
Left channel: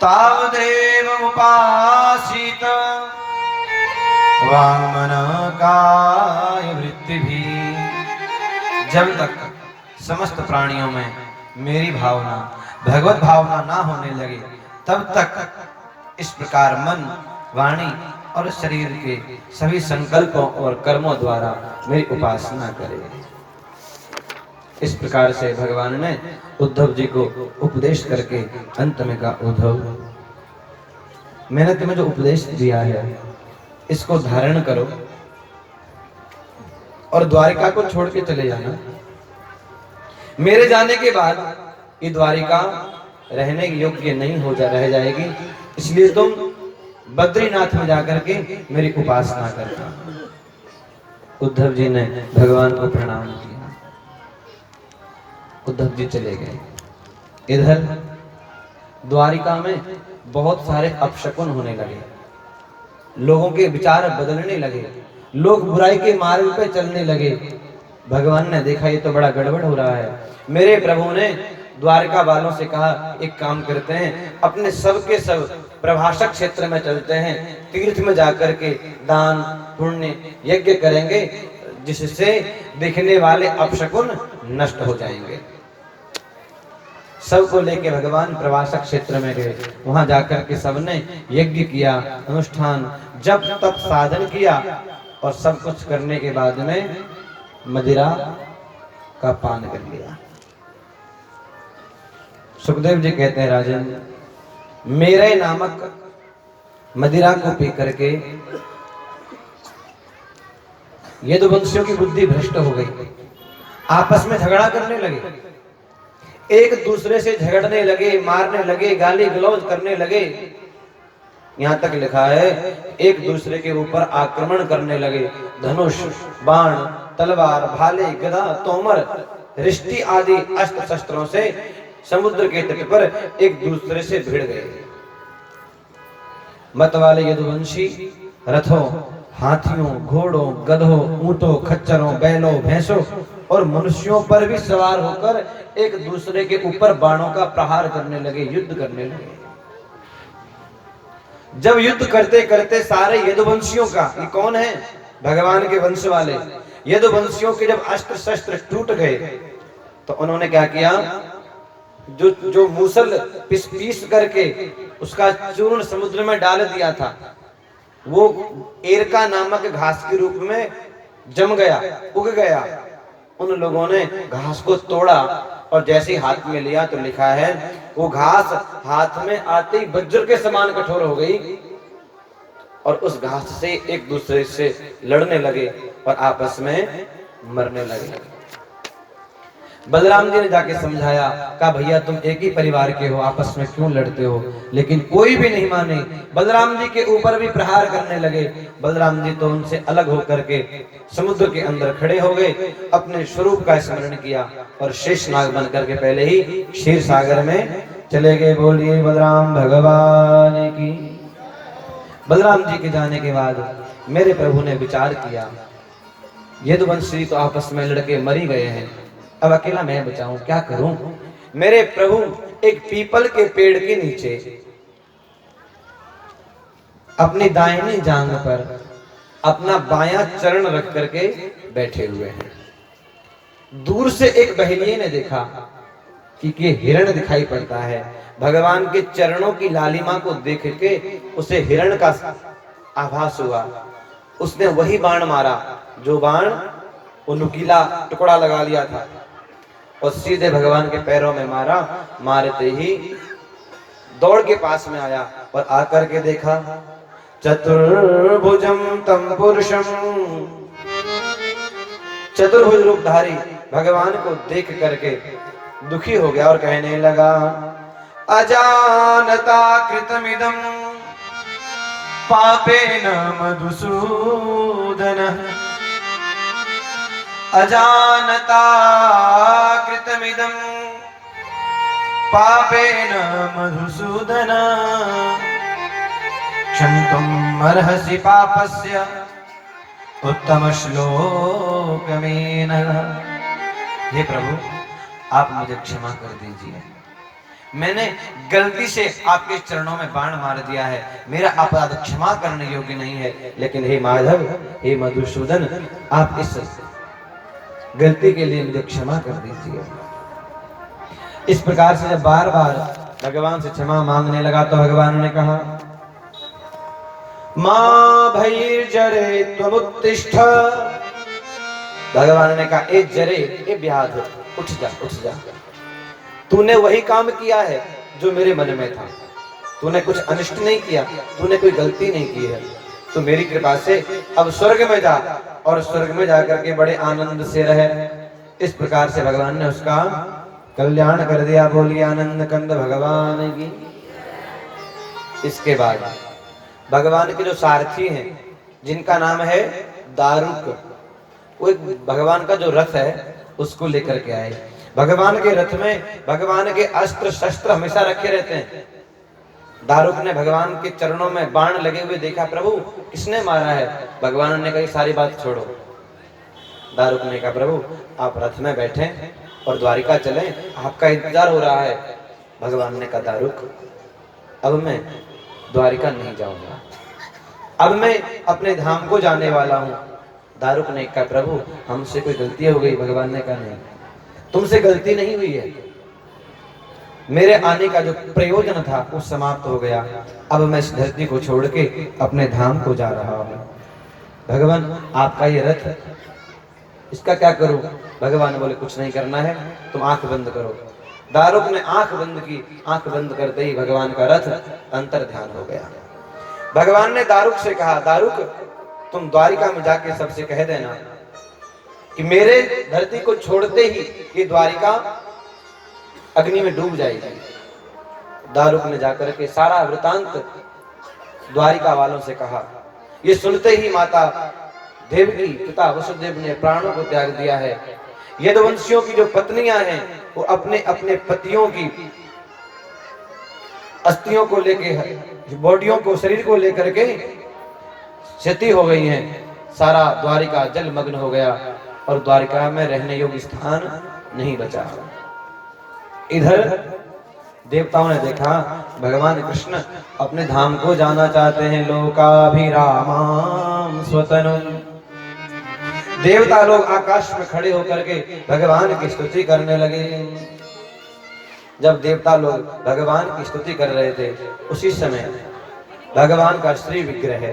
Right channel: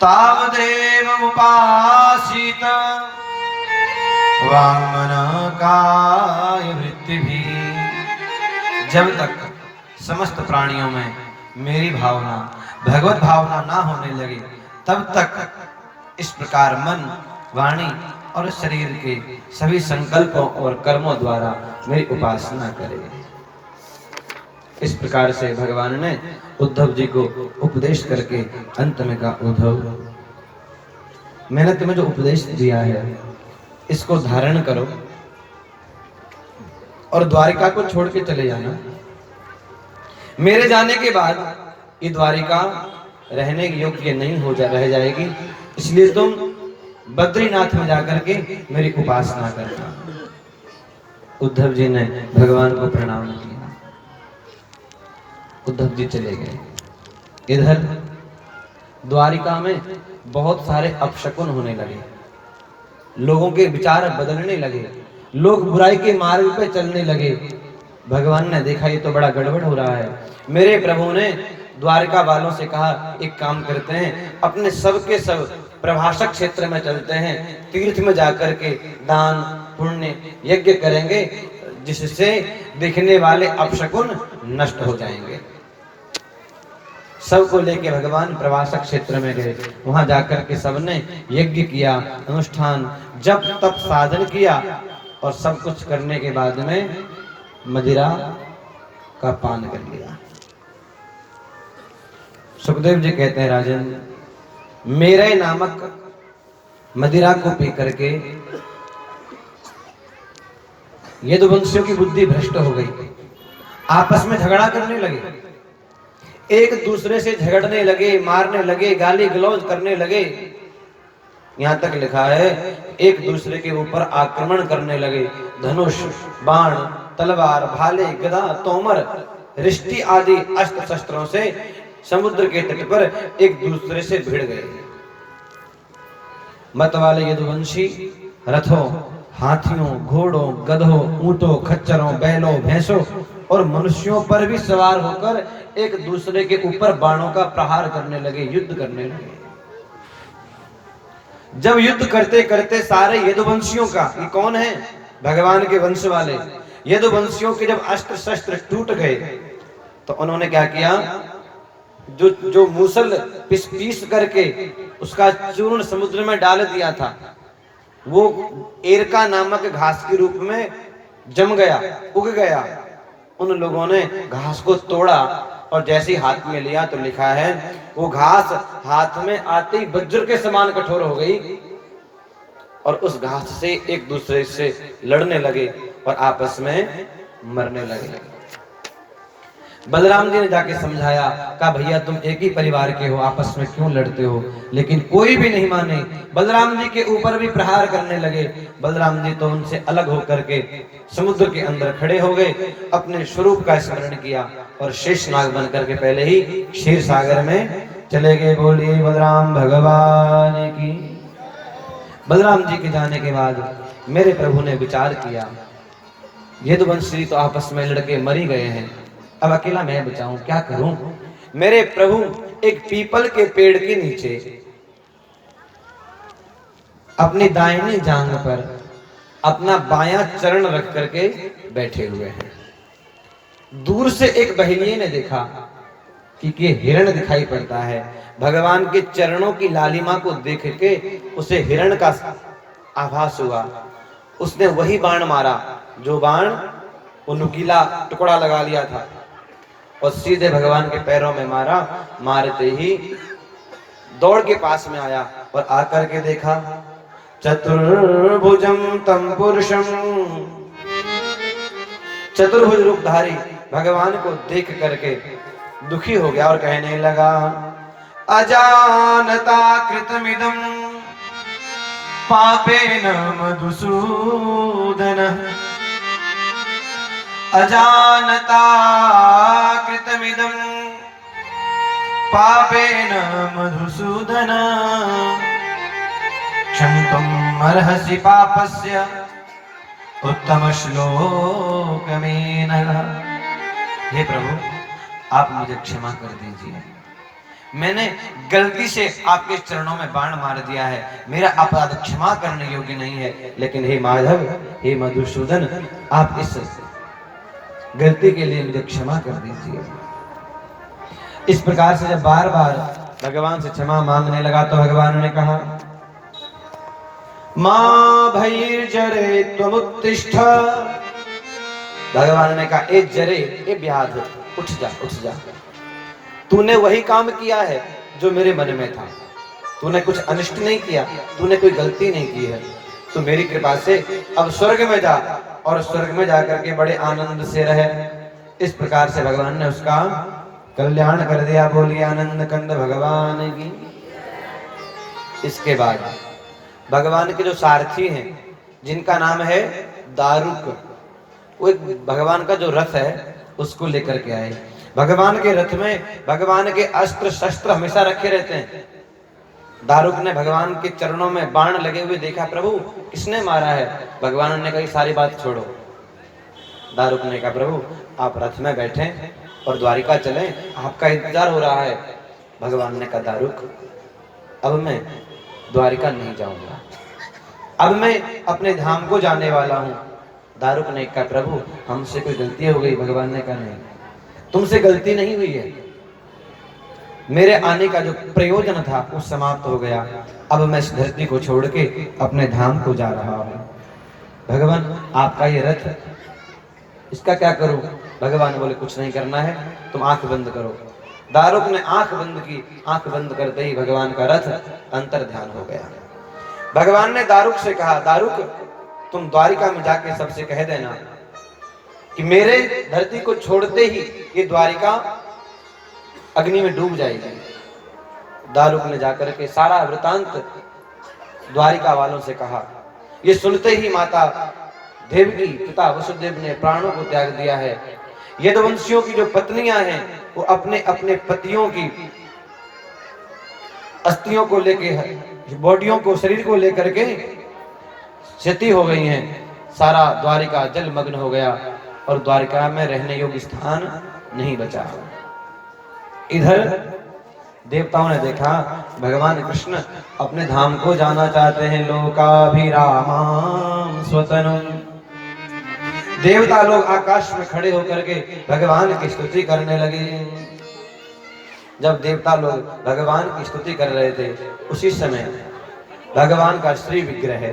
तावदेव उपासीत वाङ्मनकाय वृत्तिभिः। जब तक समस्त प्राणियों में मेरी भावना, भगवत भावना ना होने लगे तब तक इस प्रकार मन, वाणी और शरीर के सभी संकल्पों और कर्मों द्वारा मेरी उपासना करें। इस प्रकार से भगवान ने उद्धव जी को उपदेश करके अंत में कहा, उद्धव मैंने तुम्हें जो उपदेश दिया है इसको धारण करो और द्वारिका को छोड़ के चले जाना। मेरे जाने के बाद ये द्वारिका रहने योग्य नहीं हो रह जाएगी, इसलिए तुम बद्रीनाथ में जाकर के मेरी उपासना करना। उद्धव जी ने भगवान को प्रणाम किया, उद्धव जी चले गए। इधर द्वारिका में बहुत सारे अपशकुन होने लगे, लोगों के विचार बदलने लगे, लोग बुराई के मार्ग पर चलने लगे। भगवान ने देखा ये तो बड़ा गड़बड़ हो रहा है। मेरे प्रभु ने द्वारिका वालों से कहा, एक काम करते हैं, अपने सब के सब प्रभाषक क्षेत्र में चलते हैं, तीर्थ में जाकर के दान पुण्य यज्ञ करेंगे, जिससे दिखने वाले अपशकुन नष्ट हो जाएंगे। सबको लेके भगवान प्रभाषक क्षेत्र में गए। वहां जाकर के सबने यज्ञ किया, अनुष्ठान, जप तप साधन किया और सब कुछ करने के बाद में मदिरा का पान कर लिया। सुखदेव जी कहते हैं, राजन मेरे नामक मदिरा को पी करके ये दो वंशियों की बुद्धि भ्रष्ट हो गई, आपस में झगड़ा करने लगे, एक दूसरे से झगड़ने लगे, मारने लगे, गाली गलौज करने लगे। यहां तक लिखा है एक दूसरे के ऊपर आक्रमण करने लगे, धनुष, बाण, तलवार, भाले, गदा, तोमर, रिष्टि आदि अस्त्र शस्त्रों से समुद्र के तट पर एक दूसरे से भिड़ गए। मत वाले यदुवंशी रथों, हाथियों, घोड़ों, गधों, ऊंटों, खच्चरों, बैलों, भैंसों और मनुष्यों पर भी सवार होकर एक दूसरे के ऊपर बाणों का प्रहार करने लगे, युद्ध करने लगे। जब युद्ध करते करते सारे यदुवंशियों का, ये कौन है? भगवान के वंश वाले यदुवंशियों के जब अस्त्र शस्त्र टूट गए तो उन्होंने क्या किया, जो मूसल पीस करके उसका चूर्ण समुद्र में डाल दिया था, वो एरका नामक घास के रूप में जम गया, उग गया। उन लोगों ने घास को तोड़ा और जैसे हाथ में लिया तो लिखा है वो घास हाथ में आते ही वज्र के समान कठोर हो गई और उस घास से एक दूसरे से लड़ने लगे और आपस में मरने लगे। बलराम जी ने जाके समझाया, कहा भैया तुम एक ही परिवार के हो, आपस में क्यों लड़ते हो? लेकिन कोई भी नहीं माने, बलराम जी के ऊपर भी प्रहार करने लगे। बलराम जी तो उनसे अलग होकर के समुद्र के अंदर खड़े हो गए, अपने स्वरूप का स्मरण किया और शेष नाग बन करके पहले ही क्षीर सागर में चले गए। बोलिए बलराम भगवान की। बलराम जी के जाने के बाद मेरे प्रभु ने विचार किया, यदुवंशी तो आपस में लड़के मरी गए हैं, अब अकेला मैं बचाऊं, क्या करूं। मेरे प्रभु एक पीपल के पेड़ के नीचे अपनी दाहिनी जांघ पर अपना बायां चरण रख करके बैठे हुए हैं। दूर से एक बहेलिये ने देखा कि ये हिरण दिखाई पड़ता है। भगवान के चरणों की लालिमा को देख के उसे हिरण का आभास हुआ। उसने वही बाण मारा जो बाण वो नुकीला टुकड़ा लगा लिया था और सीधे भगवान के पैरों में मारा। मारते ही दौड़ के पास में आया और आकर के देखा, चतुर्भुजम तम पुरुषम, चतुर्भुज रूपधारी भगवान को देख करके दुखी हो गया और कहने लगा, अजानता कृतमिदं पापेन मधुसूदन, अजानता कृतमिदं पापेन मधुसूदन, क्षमितुम् अर्हसि पापस्य उत्तम श्लोकमेन। हे प्रभु, आप मुझे क्षमा कर दीजिए, मैंने गलती से आपके चरणों में बाण मार दिया है, मेरा अपराध क्षमा करने योग्य नहीं है। लेकिन हे माधव, हे मधुसूदन, आप इस गलती के लिए मुझे क्षमा कर दीजिए। इस प्रकार से जब बार बार भगवान से क्षमा मांगने लगा तो भगवान ने कहा, मां भैर्जरे त्वमुत्तिष्ठ। भगवान ने कहा, ए जरे, ए ब्याध, उठ जा, उठ जा। तूने वही काम किया है जो मेरे मन में था, तूने कुछ अनिष्ट नहीं किया, तूने कोई गलती नहीं की है। तो मेरी कृपा से अब स्वर्ग में जा और स्वर्ग में जाकर के बड़े आनंद से रहे। इस प्रकार से भगवान ने उसका कल्याण कर दिया। बोलिए आनंद कंद भगवान की। इसके बाद भगवान के जो सारथी हैं जिनका नाम है दारुक, वो एक भगवान का जो रथ है उसको लेकर के आए। भगवान के रथ में भगवान के अस्त्र शस्त्र हमेशा रखे रहते हैं। दारुक ने भगवान के चरणों में बाण लगे हुए देखा, प्रभु किसने मारा है। भगवान ने कहा, सारी बात छोड़ो। दारुक ने कहा, प्रभु आप रथ में बैठे और द्वारिका चलें, आपका इंतजार हो रहा है। भगवान ने कहा, दारुक अब मैं द्वारिका नहीं जाऊंगा, अब मैं अपने धाम को जाने वाला हूँ। दारुक ने कहा, प्रभु हमसे कोई गलती हो गई। भगवान ने कहा, नहीं, तुमसे गलती नहीं हुई है, मेरे आने का जो प्रयोजन था वो समाप्त हो गया। अब मैं इस धरती को छोड़ के अपने धाम को जा रहा हूँ। भगवान आपका ये रथ, इसका क्या करूं। भगवान बोले, कुछ नहीं करना है, तुम आंख बंद करो। दारुक ने आंख बंद की। आंख बंद करते ही भगवान का रथ अंतर ध्यान हो गया। भगवान ने दारुक से कहा, दारुक तुम द्वारिका में जाके सबसे कह देना कि मेरे धरती को छोड़ते ही ये द्वारिका अग्नि में डूब जाएगी। दारुक ने जाकर के सारा वृतांत द्वारिका वालों से कहा। ये सुनते ही माता देवकी, पिता वसुदेव ने प्राणों को त्याग दिया है। यदुवंशियों की जो पत्नियां हैं वो अपने अपने पतियों की अस्थियों को लेके, बॉडियों को, शरीर को लेकर के क्षति हो गई हैं। सारा द्वारिका जलमग्न हो गया और द्वारिका में रहने योग्य स्थान नहीं बचा। इधर देवताओं ने देखा भगवान कृष्ण अपने धाम को जाना चाहते हैं। लोकाभिरामां स्वतनुम। देवता लोग आकाश में खड़े होकर के भगवान की स्तुति करने लगे। जब देवता लोग भगवान की स्तुति कर रहे थे उसी समय भगवान का श्री विग्रह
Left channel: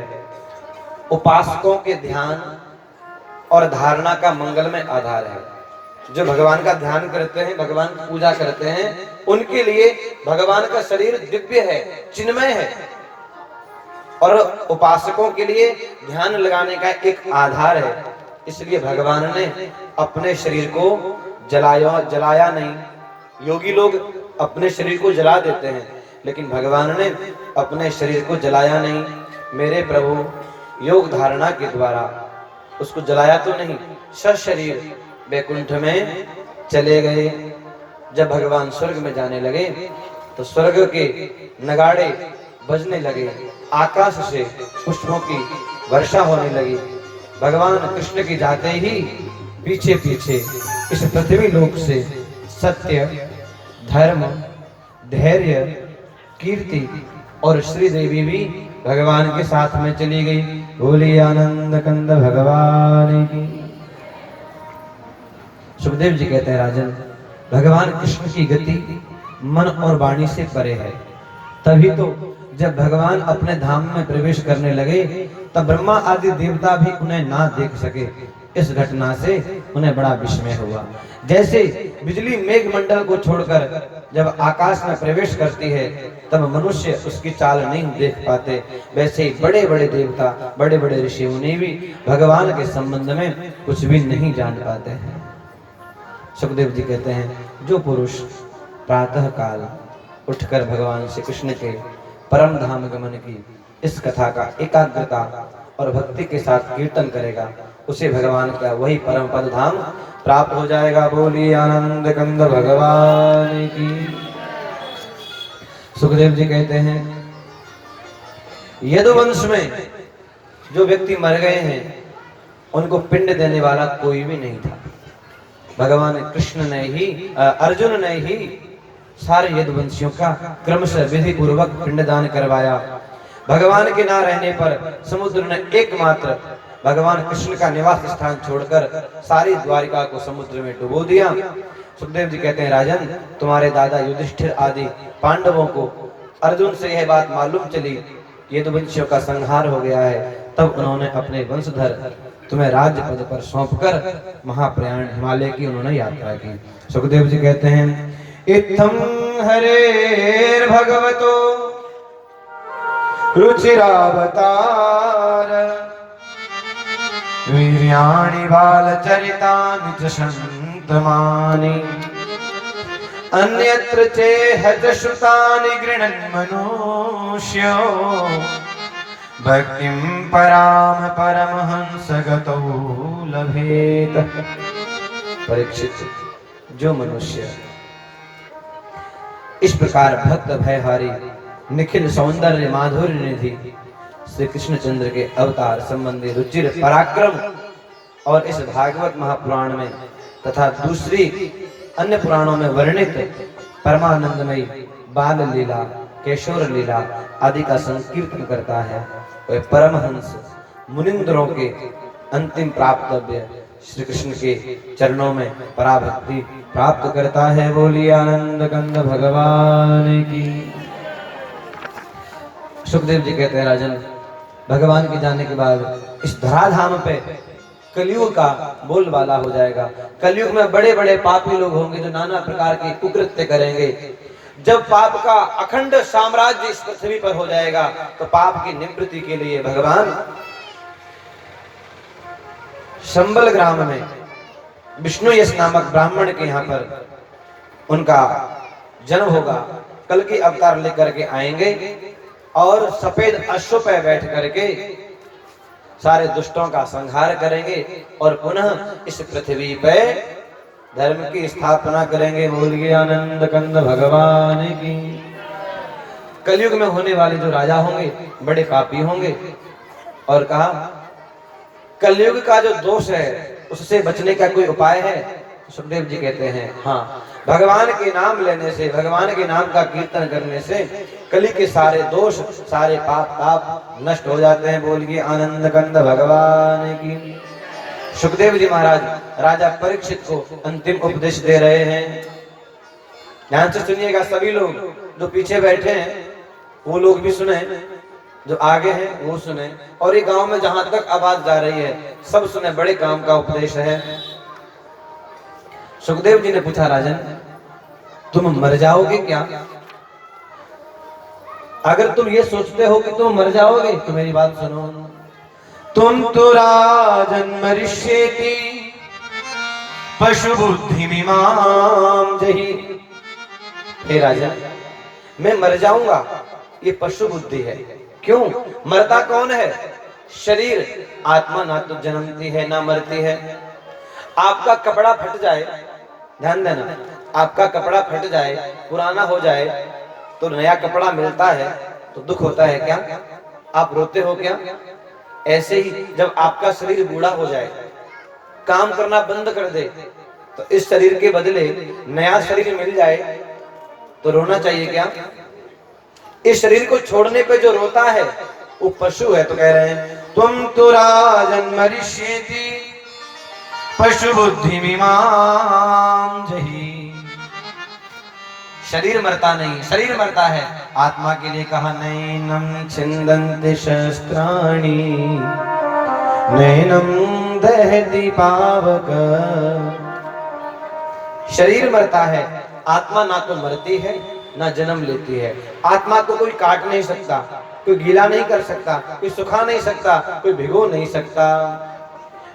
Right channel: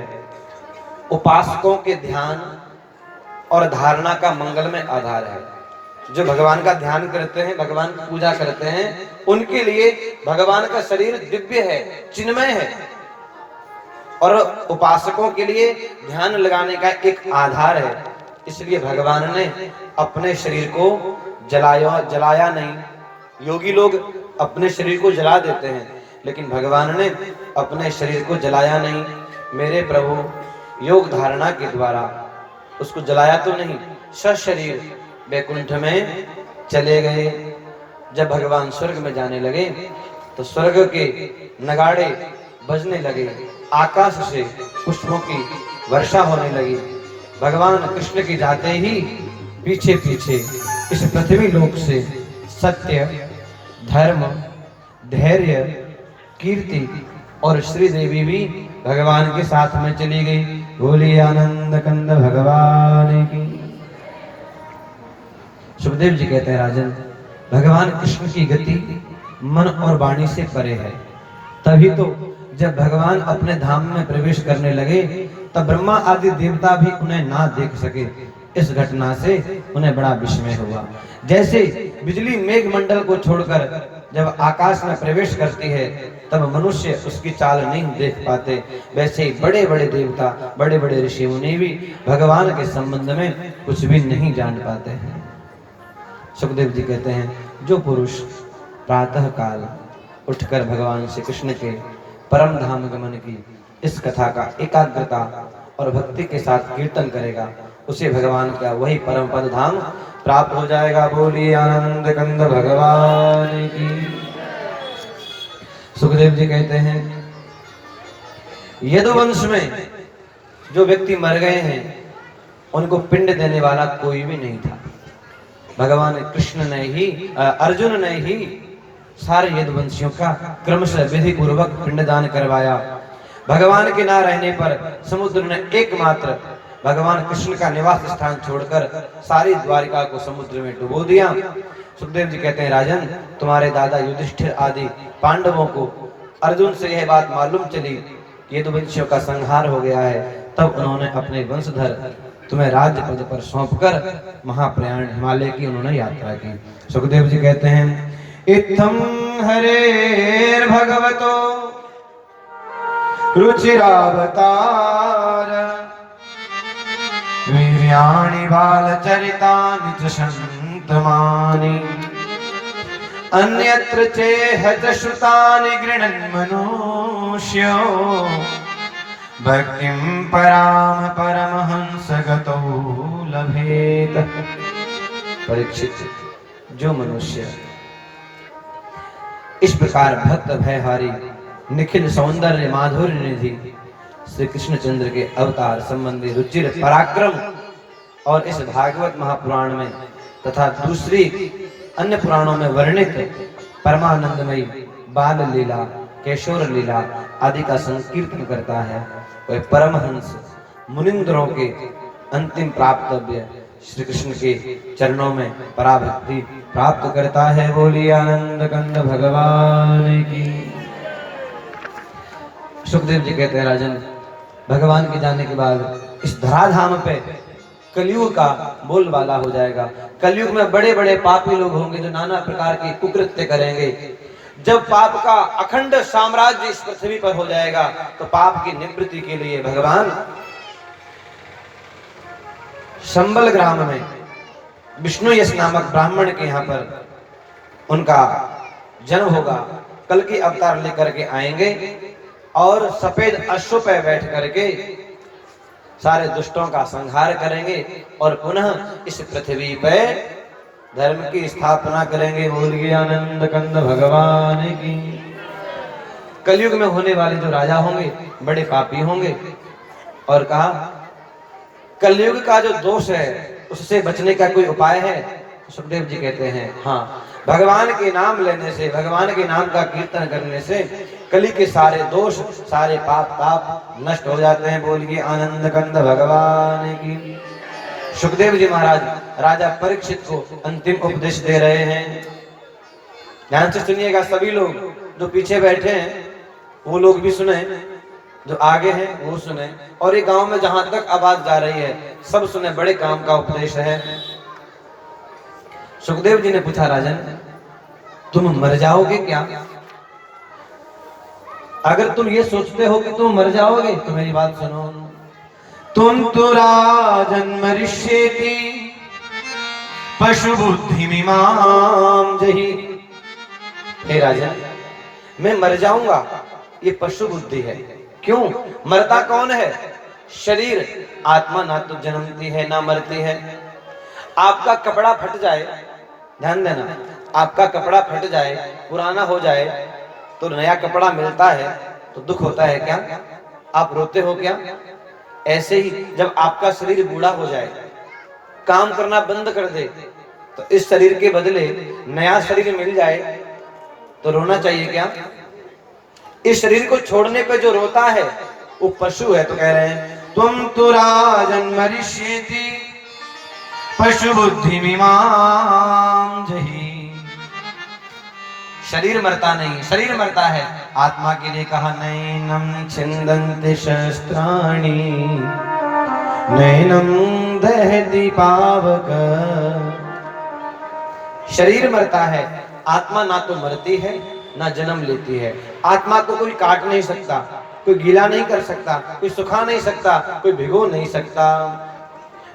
उपासकों के ध्यान और धारणा का मंगलमय आधार है। जो भगवान का ध्यान करते हैं, भगवान की पूजा करते हैं, उनके लिए भगवान का शरीर दिव्य है, चिन्मय है। और उपासकों के लिए ध्यान लगाने का एक आधार है। इसलिए भगवान ने अपने शरीर को जलाया नहीं। योगी लोग अपने शरीर को जला देते हैं, लेकिन भगवान ने अपने शरीर को जलाया नहीं। मेरे प्रभु योग धारणा के द्वारा उसको जलाया तो नहीं, सशरीर वैकुंठ में चले गए। जब भगवान स्वर्ग में जाने लगे तो स्वर्ग के नगाड़े बजने लगे, आकाश से पुष्पों की वर्षा होने लगी। भगवान कृष्ण के जाते ही पीछे पीछे इस पृथ्वी लोक से सत्य, धर्म, धैर्य, कीर्ति और श्री देवी भी भगवान के साथ में चली गई। बोली आनंद कंद भगवान की। सुखदेव जी कहते हैं राजन, भगवान कृष्ण की गति मन और वाणी से परे है। तभी तो जब भगवान अपने धाम में प्रवेश करने लगे तब ब्रह्मा आदि देवता भी उन्हें ना देख सके। इस घटना से उन्हें बड़ा विस्मय हुआ। जैसे बिजली मेघ मंडल को छोड़कर जब आकाश में प्रवेश करती है तब मनुष्य उसकी चाल नहीं देख पाते, वैसे ही बड़े बड़े देवता, बड़े बड़े ऋषि मुनि भी भगवान के संबंध में कुछ भी नहीं जान पाते हैं। सुखदेव जी कहते हैं, जो पुरुष प्रातः काल उठकर भगवान श्री कृष्ण के परम धाम गमन की इस कथा का एकाग्रता और भक्ति के साथ कीर्तन करेगा, उसे भगवान का वही परम पद धाम प्राप्त हो जाएगा। बोलिए आनंद कंद भगवान की। सुखदेव जी कहते हैं, यदुवंश में जो व्यक्ति मर गए हैं उनको पिंड देने वाला कोई भी नहीं था। भगवान कृष्ण ने ही, अर्जुन ने ही सारे यदुवंशियों का क्रमशः विधि पूर्वक पिंडदान करवाया। भगवान के ना रहने पर समुद्र ने एकमात्र भगवान कृष्ण का निवास स्थान छोड़कर सारी द्वारिका को समुद्र में डुबो दिया। सुखदेव जी कहते हैं, राजन, तुम्हारे दादा युधिष्ठिर आदि पांडवों को अर्जुन से यह बात मालूम चली यदुवंशियों का संहार हो गया है, तब उन्होंने अपने वंशधर तुम्हें राज्य पद पर सौंपकर महाप्रयाण हिमालय की उन्होंने यात्रा की। सुखदेव जी कहते हैं, इत्थं हरेर भगवतो रुचिरावतार वीर्याणि बालचरितानि च सन्तमानि अन्यत्र चेह श्रुतानि गृह्णन् मनुष्यो भक्तिं पराम परमहंसगतो लभेत। परीक्षित, जो मनुष्य इस प्रकार भक्त भयहारी निखिल सौंदर्य माधुर्य निधि श्री कृष्णचंद्र के अवतार संबंधी रुचिर पराक्रम और इस भागवत महापुराण में तथा दूसरी अन्य पुराणों में वर्णित परमानंदमयी बाल लीला, केशोर लीला आदि का संकीर्तन करता है, वह परमहंस मुनिंद्रों के अंतिम प्राप्तव्य श्री कृष्ण के चरणों में पराभक्ति प्राप्त करता है। बोलिए आनंद कंद भगवान की। सुखदेव जी कहते हैं, राजन, भगवान के जाने के बाद इस धराधाम पे कलयुग का बोलबाला हो जाएगा। कलयुग में बड़े बड़े पापी लोग होंगे जो नाना प्रकार के कुकृत्य करेंगे। जब पाप का अखंड साम्राज्य इस पृथ्वी पर हो जाएगा तो पाप की निवृत्ति के लिए भगवान संबल ग्राम में विष्णु यश नामक ब्राह्मण के यहाँ पर उनका जन्म होगा। कल की अवतार लेकर के आएंगे और सफेद अश्व पर बैठ करके सारे दुष्टों का संहार करेंगे और पुनः इस पृथ्वी पे धर्म की स्थापना करेंगे। बोलिए आनंद कंद भगवान की। कलयुग में होने वाले जो राजा होंगे बड़े पापी होंगे। और कहा, कलयुग का जो दोष है उससे बचने का कोई उपाय है? सुखदेव जी कहते हैं, हाँ, भगवान के नाम लेने से, भगवान के नाम का कीर्तन करने से कली के सारे दोष, सारे पाप ताप नष्ट हो जाते हैं। बोलिए आनंद कंद भगवान की। सुखदेव जी महाराज राजा परीक्षित को अंतिम उपदेश दे रहे हैं। ध्यान से सुनिएगा सभी लोग, जो पीछे बैठे हैं वो लोग भी सुने, जो आगे हैं वो सुने, और ये गांव में जहां तक आवाज जा रही है सब सुने। बड़े काम का उपदेश है। सुखदेव जी ने पूछा, राजन, तुम मर जाओगे क्या? अगर तुम ये सोचते हो कि तुम मर जाओगे तो मेरी बात सुनो। तुम तो राजन मरिष्येति पशु बुद्धि मिमाम जहि। हे राजन, मैं मर जाऊंगा, ये पशु बुद्धि है। क्यों? मरता कौन है? शरीर। आत्मा ना तो जन्मती है ना मरती है। आपका कपड़ा फट जाए, ध्यान देना, आपका कपड़ा फट जाए, पुराना हो जाए, तो नया कपड़ा मिलता है तो दुख होता है क्या? आप रोते हो क्या? ऐसे ही जब आपका शरीर बूढ़ा हो जाए, काम करना बंद कर दे, तो इस शरीर के बदले नया शरीर मिल जाए तो रोना चाहिए क्या? इस शरीर को छोड़ने पे जो रोता है वो पशु है। तो कह रहे हैं तुम तो राजन मरिष्येति पशु बुद्धि मिमां जहि। शरीर मरता नहीं, शरीर मरता है। आत्मा के लिए कहा नैनम छिन्दन्ति शस्त्राणि नैनम दहति पावक। शरीर मरता है, आत्मा ना तो मरती है ना जन्म लेती है। आत्मा को कोई काट नहीं सकता, कोई गीला नहीं कर सकता, कोई सुखा नहीं सकता, कोई भिगो नहीं सकता।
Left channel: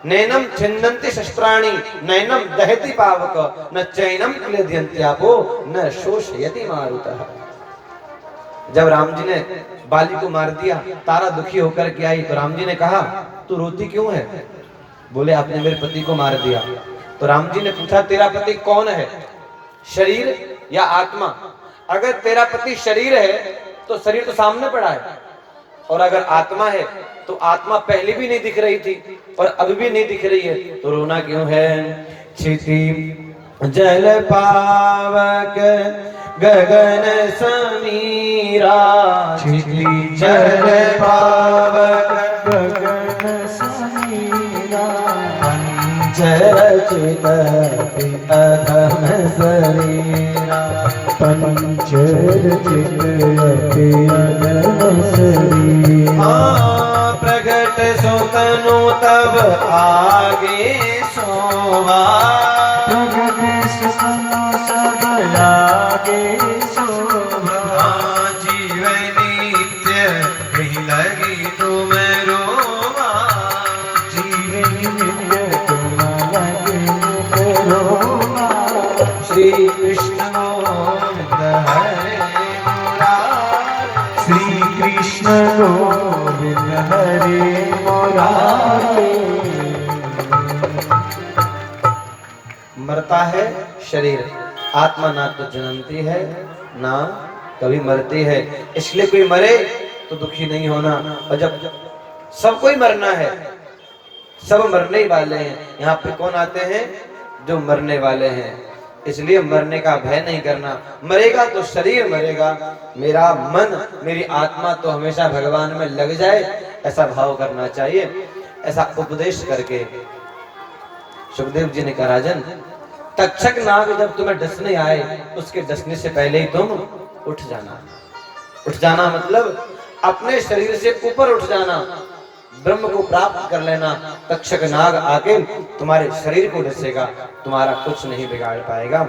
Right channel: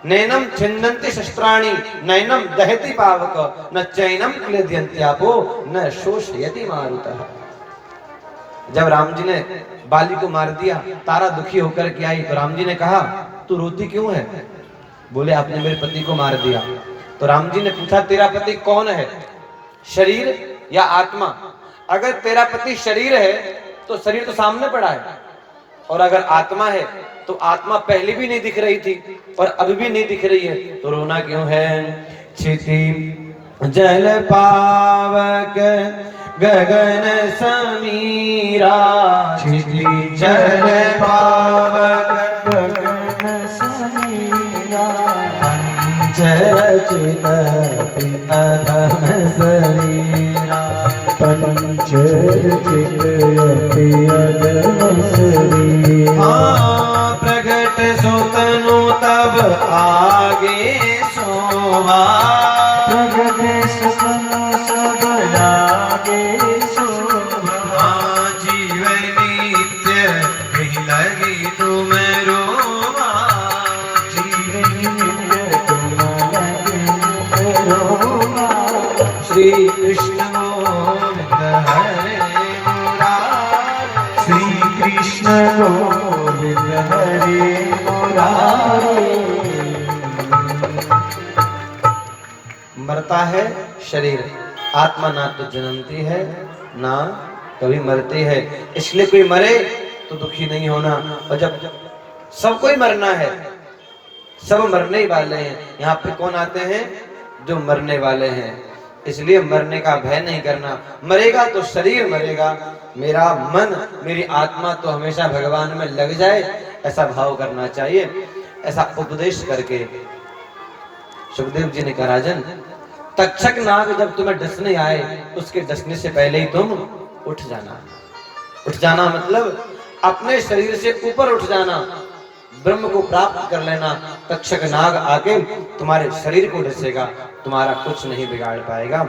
नैनम छिन्दन्ति शस्त्राणि नैनम दहति पावक न चैनम क्लेदयन्त्यापो न शोषयति मारुतः। जब राम जी ने बाली को मार दिया, तारा दुखी होकर के आई, तो राम जी ने कहा तू रोती क्यों है? बोले आपने मेरे पति को मार दिया। तो राम जी ने पूछा तेरा पति कौन है, शरीर या आत्मा? अगर तेरा पति शरीर है तो शरीर तो सामने पड़ा है, और अगर आत्मा है तो आत्मा पहले भी नहीं दिख रही थी और अब भी नहीं दिख रही है, तो रोना क्यों है? क्षिति जल पावक गगन समीरा, क्षिति जल पावक गगन समीरा, पंचरचित अधम शरीरा, पंचरचित अधम शरीरा। प्रगट सुतनु तब आगे शोभा, प्रगट सुतनु सब आगे शोभा। जीवन नित्य कहीं लगी तुम रोवा, जीवन नित्य तुम लगी रोवा। श्री कृष्ण गोविंद हरे मुरारी, श्री कृष्ण गोविंद हरे मुरारी। मरता है शरीर, आत्मा ना तो जन्मती है ना कभी मरती है। इसलिए कोई मरे तो दुखी नहीं होना। और जब सबको ही मरना है, सब मरने ही वाले हैं। यहाँ पे कौन आते हैं? जो मरने वाले हैं। इसलिए मरने का भय नहीं करना। मरेगा तो शरीर मरेगा, मेरा मन मेरी आत्मा तो हमेशा भगवान में लग जाए, ऐसा भाव करना चाहिए। ऐसा उपदेश करके सुखदेव जी ने कहा राजन, तक्षक नाग जब तुम्हें डसने आए, उसके डसने से पहले ही तुम उठ जाना। उठ जाना मतलब अपने शरीर से ऊपर उठ जाना, ब्रह्म को प्राप्त कर लेना। तक्षक नाग आके तुम्हारे शरीर को डसेगा, तुम्हारा कुछ नहीं बिगाड़ पाएगा।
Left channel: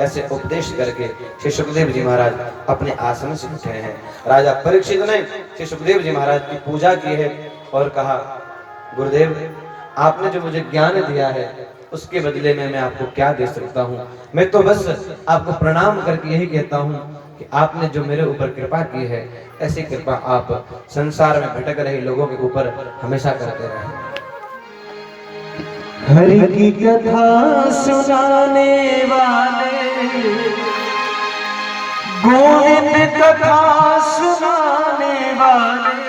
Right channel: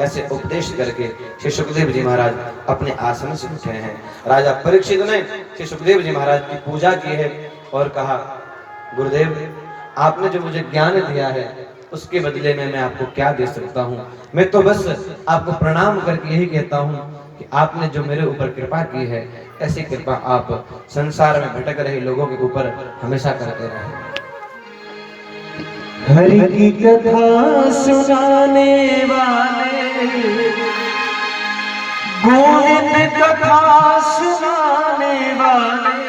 ऐसे उपदेश करके श्री सुखदेव जी महाराज अपने आसन से उठे हैं। राजा परीक्षित ने श्री सुखदेव जी महाराज की पूजा की है और कहा गुरुदेव, आपने जो मुझे ज्ञान दिया है उसके बदले में मैं आपको क्या दे सकता हूँ? मैं तो बस आपको प्रणाम करके यही कहता हूँ कि आपने जो मेरे ऊपर कृपा की है, ऐसी कृपा आप संसार में भटक रहे लोगों के ऊपर हमेशा करते रहे। हरि की कथा सुनाने वाले, गोविंद कथा सुनाने वाले,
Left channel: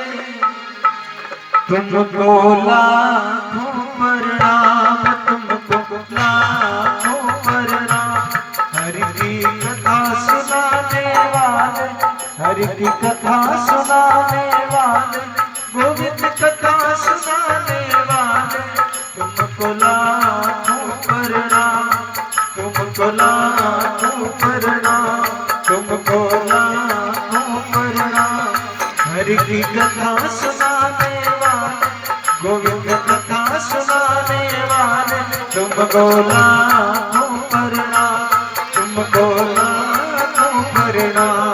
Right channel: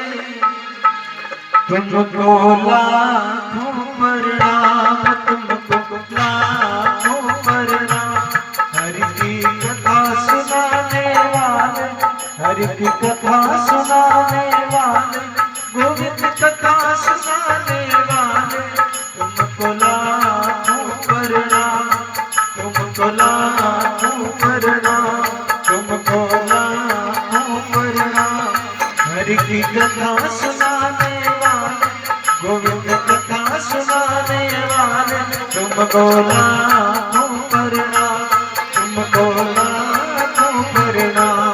तुमको लाखों प्रणाम, तुमको लाखों प्रणाम। हरि की कथा सुनाने वाले, हरि की कथा सुनाने वाले, गोविंद कथा सुनाने वाले, तुमको लाखों प्रणाम, तुमको लाखों प्रणाम, तुमको लाखों प्रणाम। हरि की कथा सुनाने वाले, गोविंद कथा सुनाने वाले, तुमको लाखों प्रणाम, तुमको लाखों प्रणाम।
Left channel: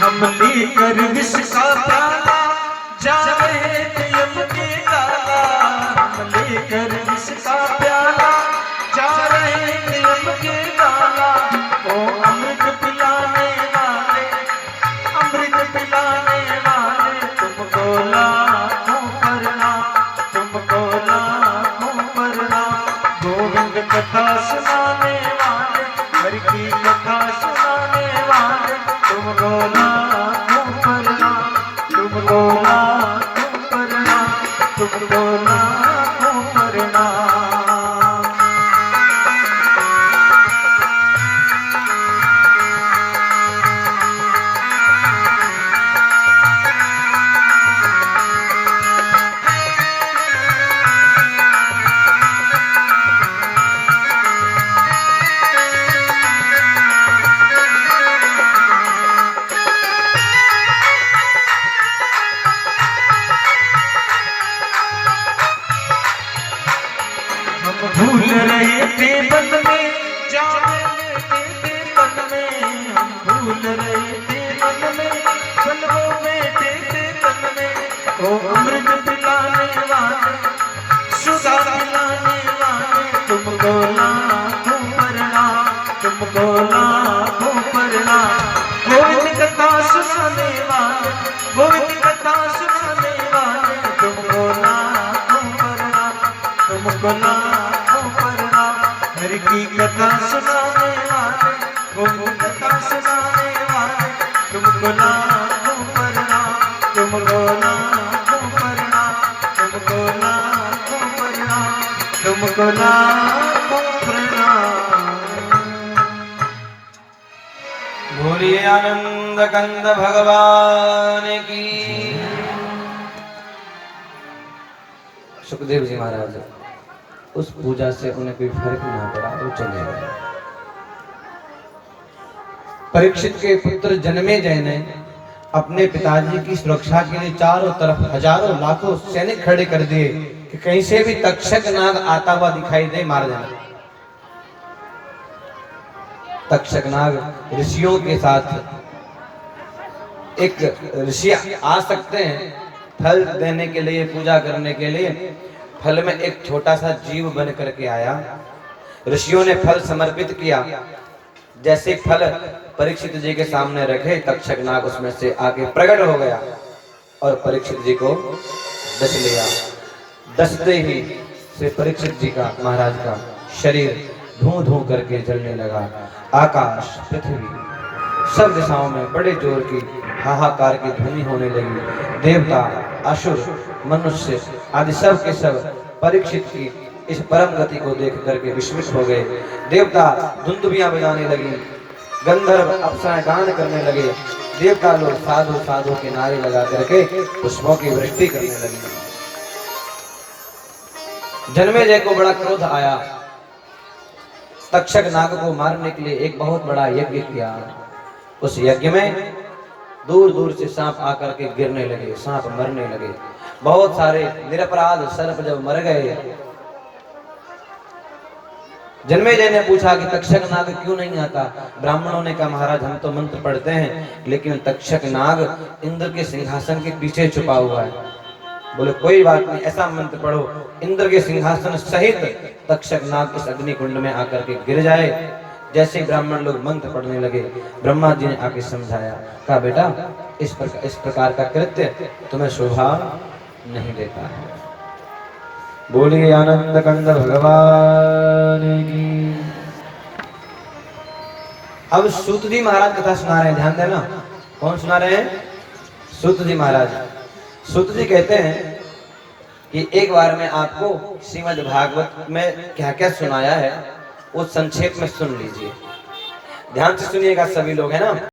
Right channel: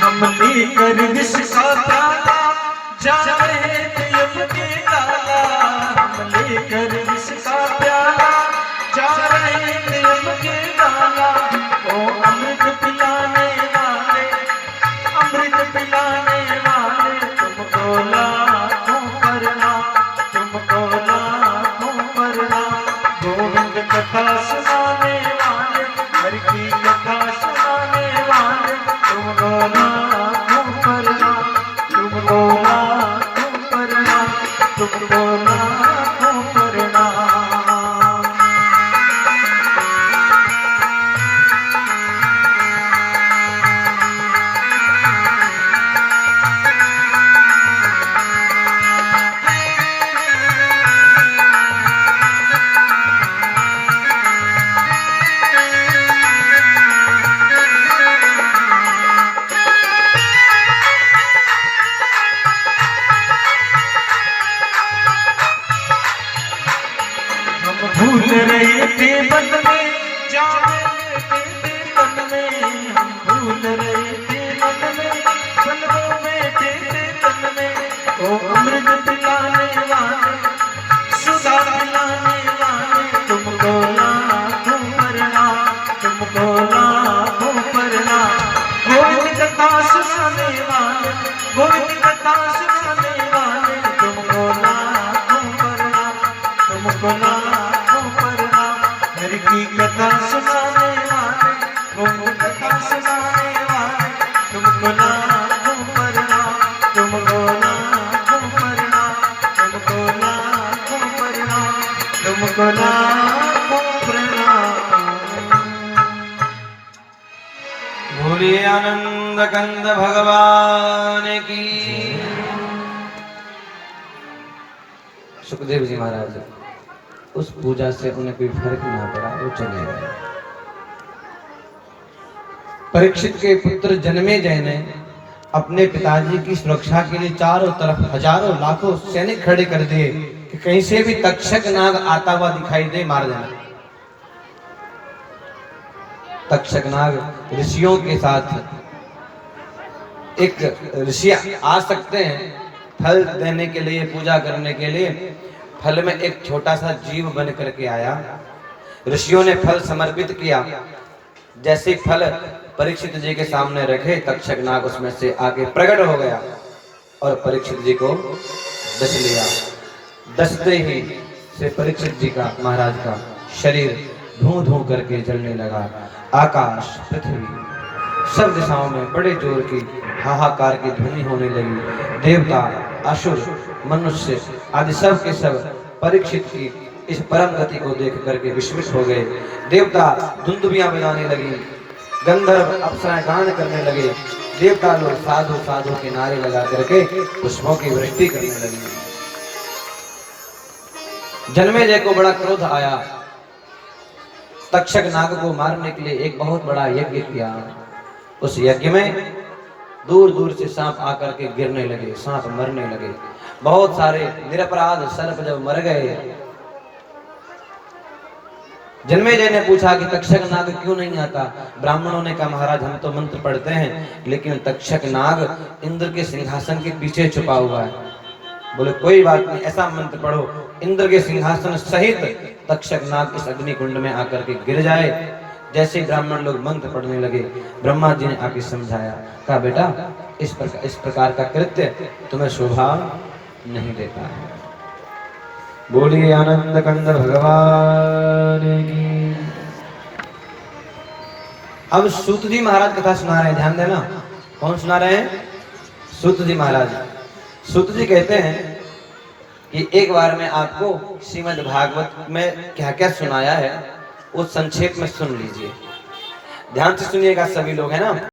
हम लेकर विष का प्याला जा रहे थे लेकर इसका प्याला जा रहे नियम के गाना। ओ अमृत पिलाने वाले, अमृत पिलाने वाले, तुमको लाखों प्रणाम, तुमको लाखों प्रणाम। गोविंद कथा सुनाने वाले, हरि की कथा सुनाने वाले, तुमको लाखों प्रणाम, तुमको लाखों प्रणाम, तुमको लाखों प्रणाम। भूल रहे थे मन में, जान लेते थे तन में, हम भूल रहे थे मन में, कलमों में थे तन में। ओ अमृत पिलाने वाले, सुधा पिलाने वाले, तुमको लाखों प्रणाम, तुमको लाखों प्रणाम। गोविंद कथा सुनाने वाले, गोविंद कथा सुनाने वाले, तुमको लाखों प्रणाम, तुमको लाखों प्रणाम। हरि की कथा सुनाने वाले, गोविंद कथा सुनाने वाले, तुमको लाखों प्रणाम, तुमको लाखों प्रणाम, तुमको लाखों प्रणाम, तुमको लाखों प्रणाम। बोलिए आनंद कंद भगवान की। सुखदेव जी महाराज, उस पूजा से उन्हें कोई फर्क ना पड़ा, वो चले गए। परीक्षित के पुत्र जन्मेजय ने अपने पिताजी की सुरक्षा के लिए चारों तरफ हजारों लाखों सैनिक खड़े कर दिए कि कहीं से भी तक्षक नाग आता हुआ दिखाई दे, मार देना। तक्षक नाग ऋषियों के साथ, एक ऋषि आ सकते हैं फल देने के लिए, पूजा करने के लिए। फल में एक छोटा सा जीव बन करके आया, ऋषियों ने फल समर्पित किया। जैसे फल परीक्षित जी के सामने रखे, तक्षक नाग उसमें से आके प्रकट हो गया और परीक्षित जी को डस लिया। डसते ही से परीक्षित जी का, महाराज का शरीर धूं धूं करके जलने लगा। आकाश, पृथ्वी, सब दिशाओं में बड़े जोर की हाहाकार की ध्वनि होने लगी। देवता, असुर, मनुष्य आदि सब के सब परीक्षित की इस परम गति को देख करके विस्मित हो गए। देवता धुंदुबियां बजाने लगी, गंधर्व अप्सराएं गान करने लगे, देवता लोग साधु साधु के नारे लगा करके पुष्पों की वृष्टि करने लगे। जन्मेजय को बड़ा क्रोध आया, तक्षक नाग को मारने के लिए एक बहुत बड़ा यज्ञ किया। उस यज्ञ में दूर दूर से सांप आकर के गिरने लगे, सांप मरने लगे। बहुत सारे निरपराध सर्प जब मर गए, जन्मेजय ने पूछा कि तक्षक नाग क्यों नहीं आता। ब्राह्मणों ने कहा, महाराज हम तो मंत्र पढ़ते हैं, लेकिन तक्षक नाग इंद्र के सिंहासन के पीछे छुपा हुआ है। बोले कोई बात नहीं, ऐसा मंत्र पढ़ो इंद्र के सिंहासन सहित तक्षक नाग इस अग्नि कुंड में आकर के गिर जाए। जैसे ब्राह्मण लोग मंत्र पढ़ने लगे, ब्रह्मा जी ने आके समझाया, कहा बेटा इस प्रकार का कृत्य तुम्हें शोभा नहीं देता है। बोलिए आनंद कंद भगवान की। अब सूत जी महाराज कथा सुना रहे हैं, ध्यान देना। कौन सुना रहे हैं? सूत जी महाराज। सूत जी कहते हैं कि एक बार मैं आपको श्रीमद् भागवत में क्या क्या सुनाया है वो संक्षेप में सुन लीजिए, ध्यान से सुनिएगा सभी लोग, है ना।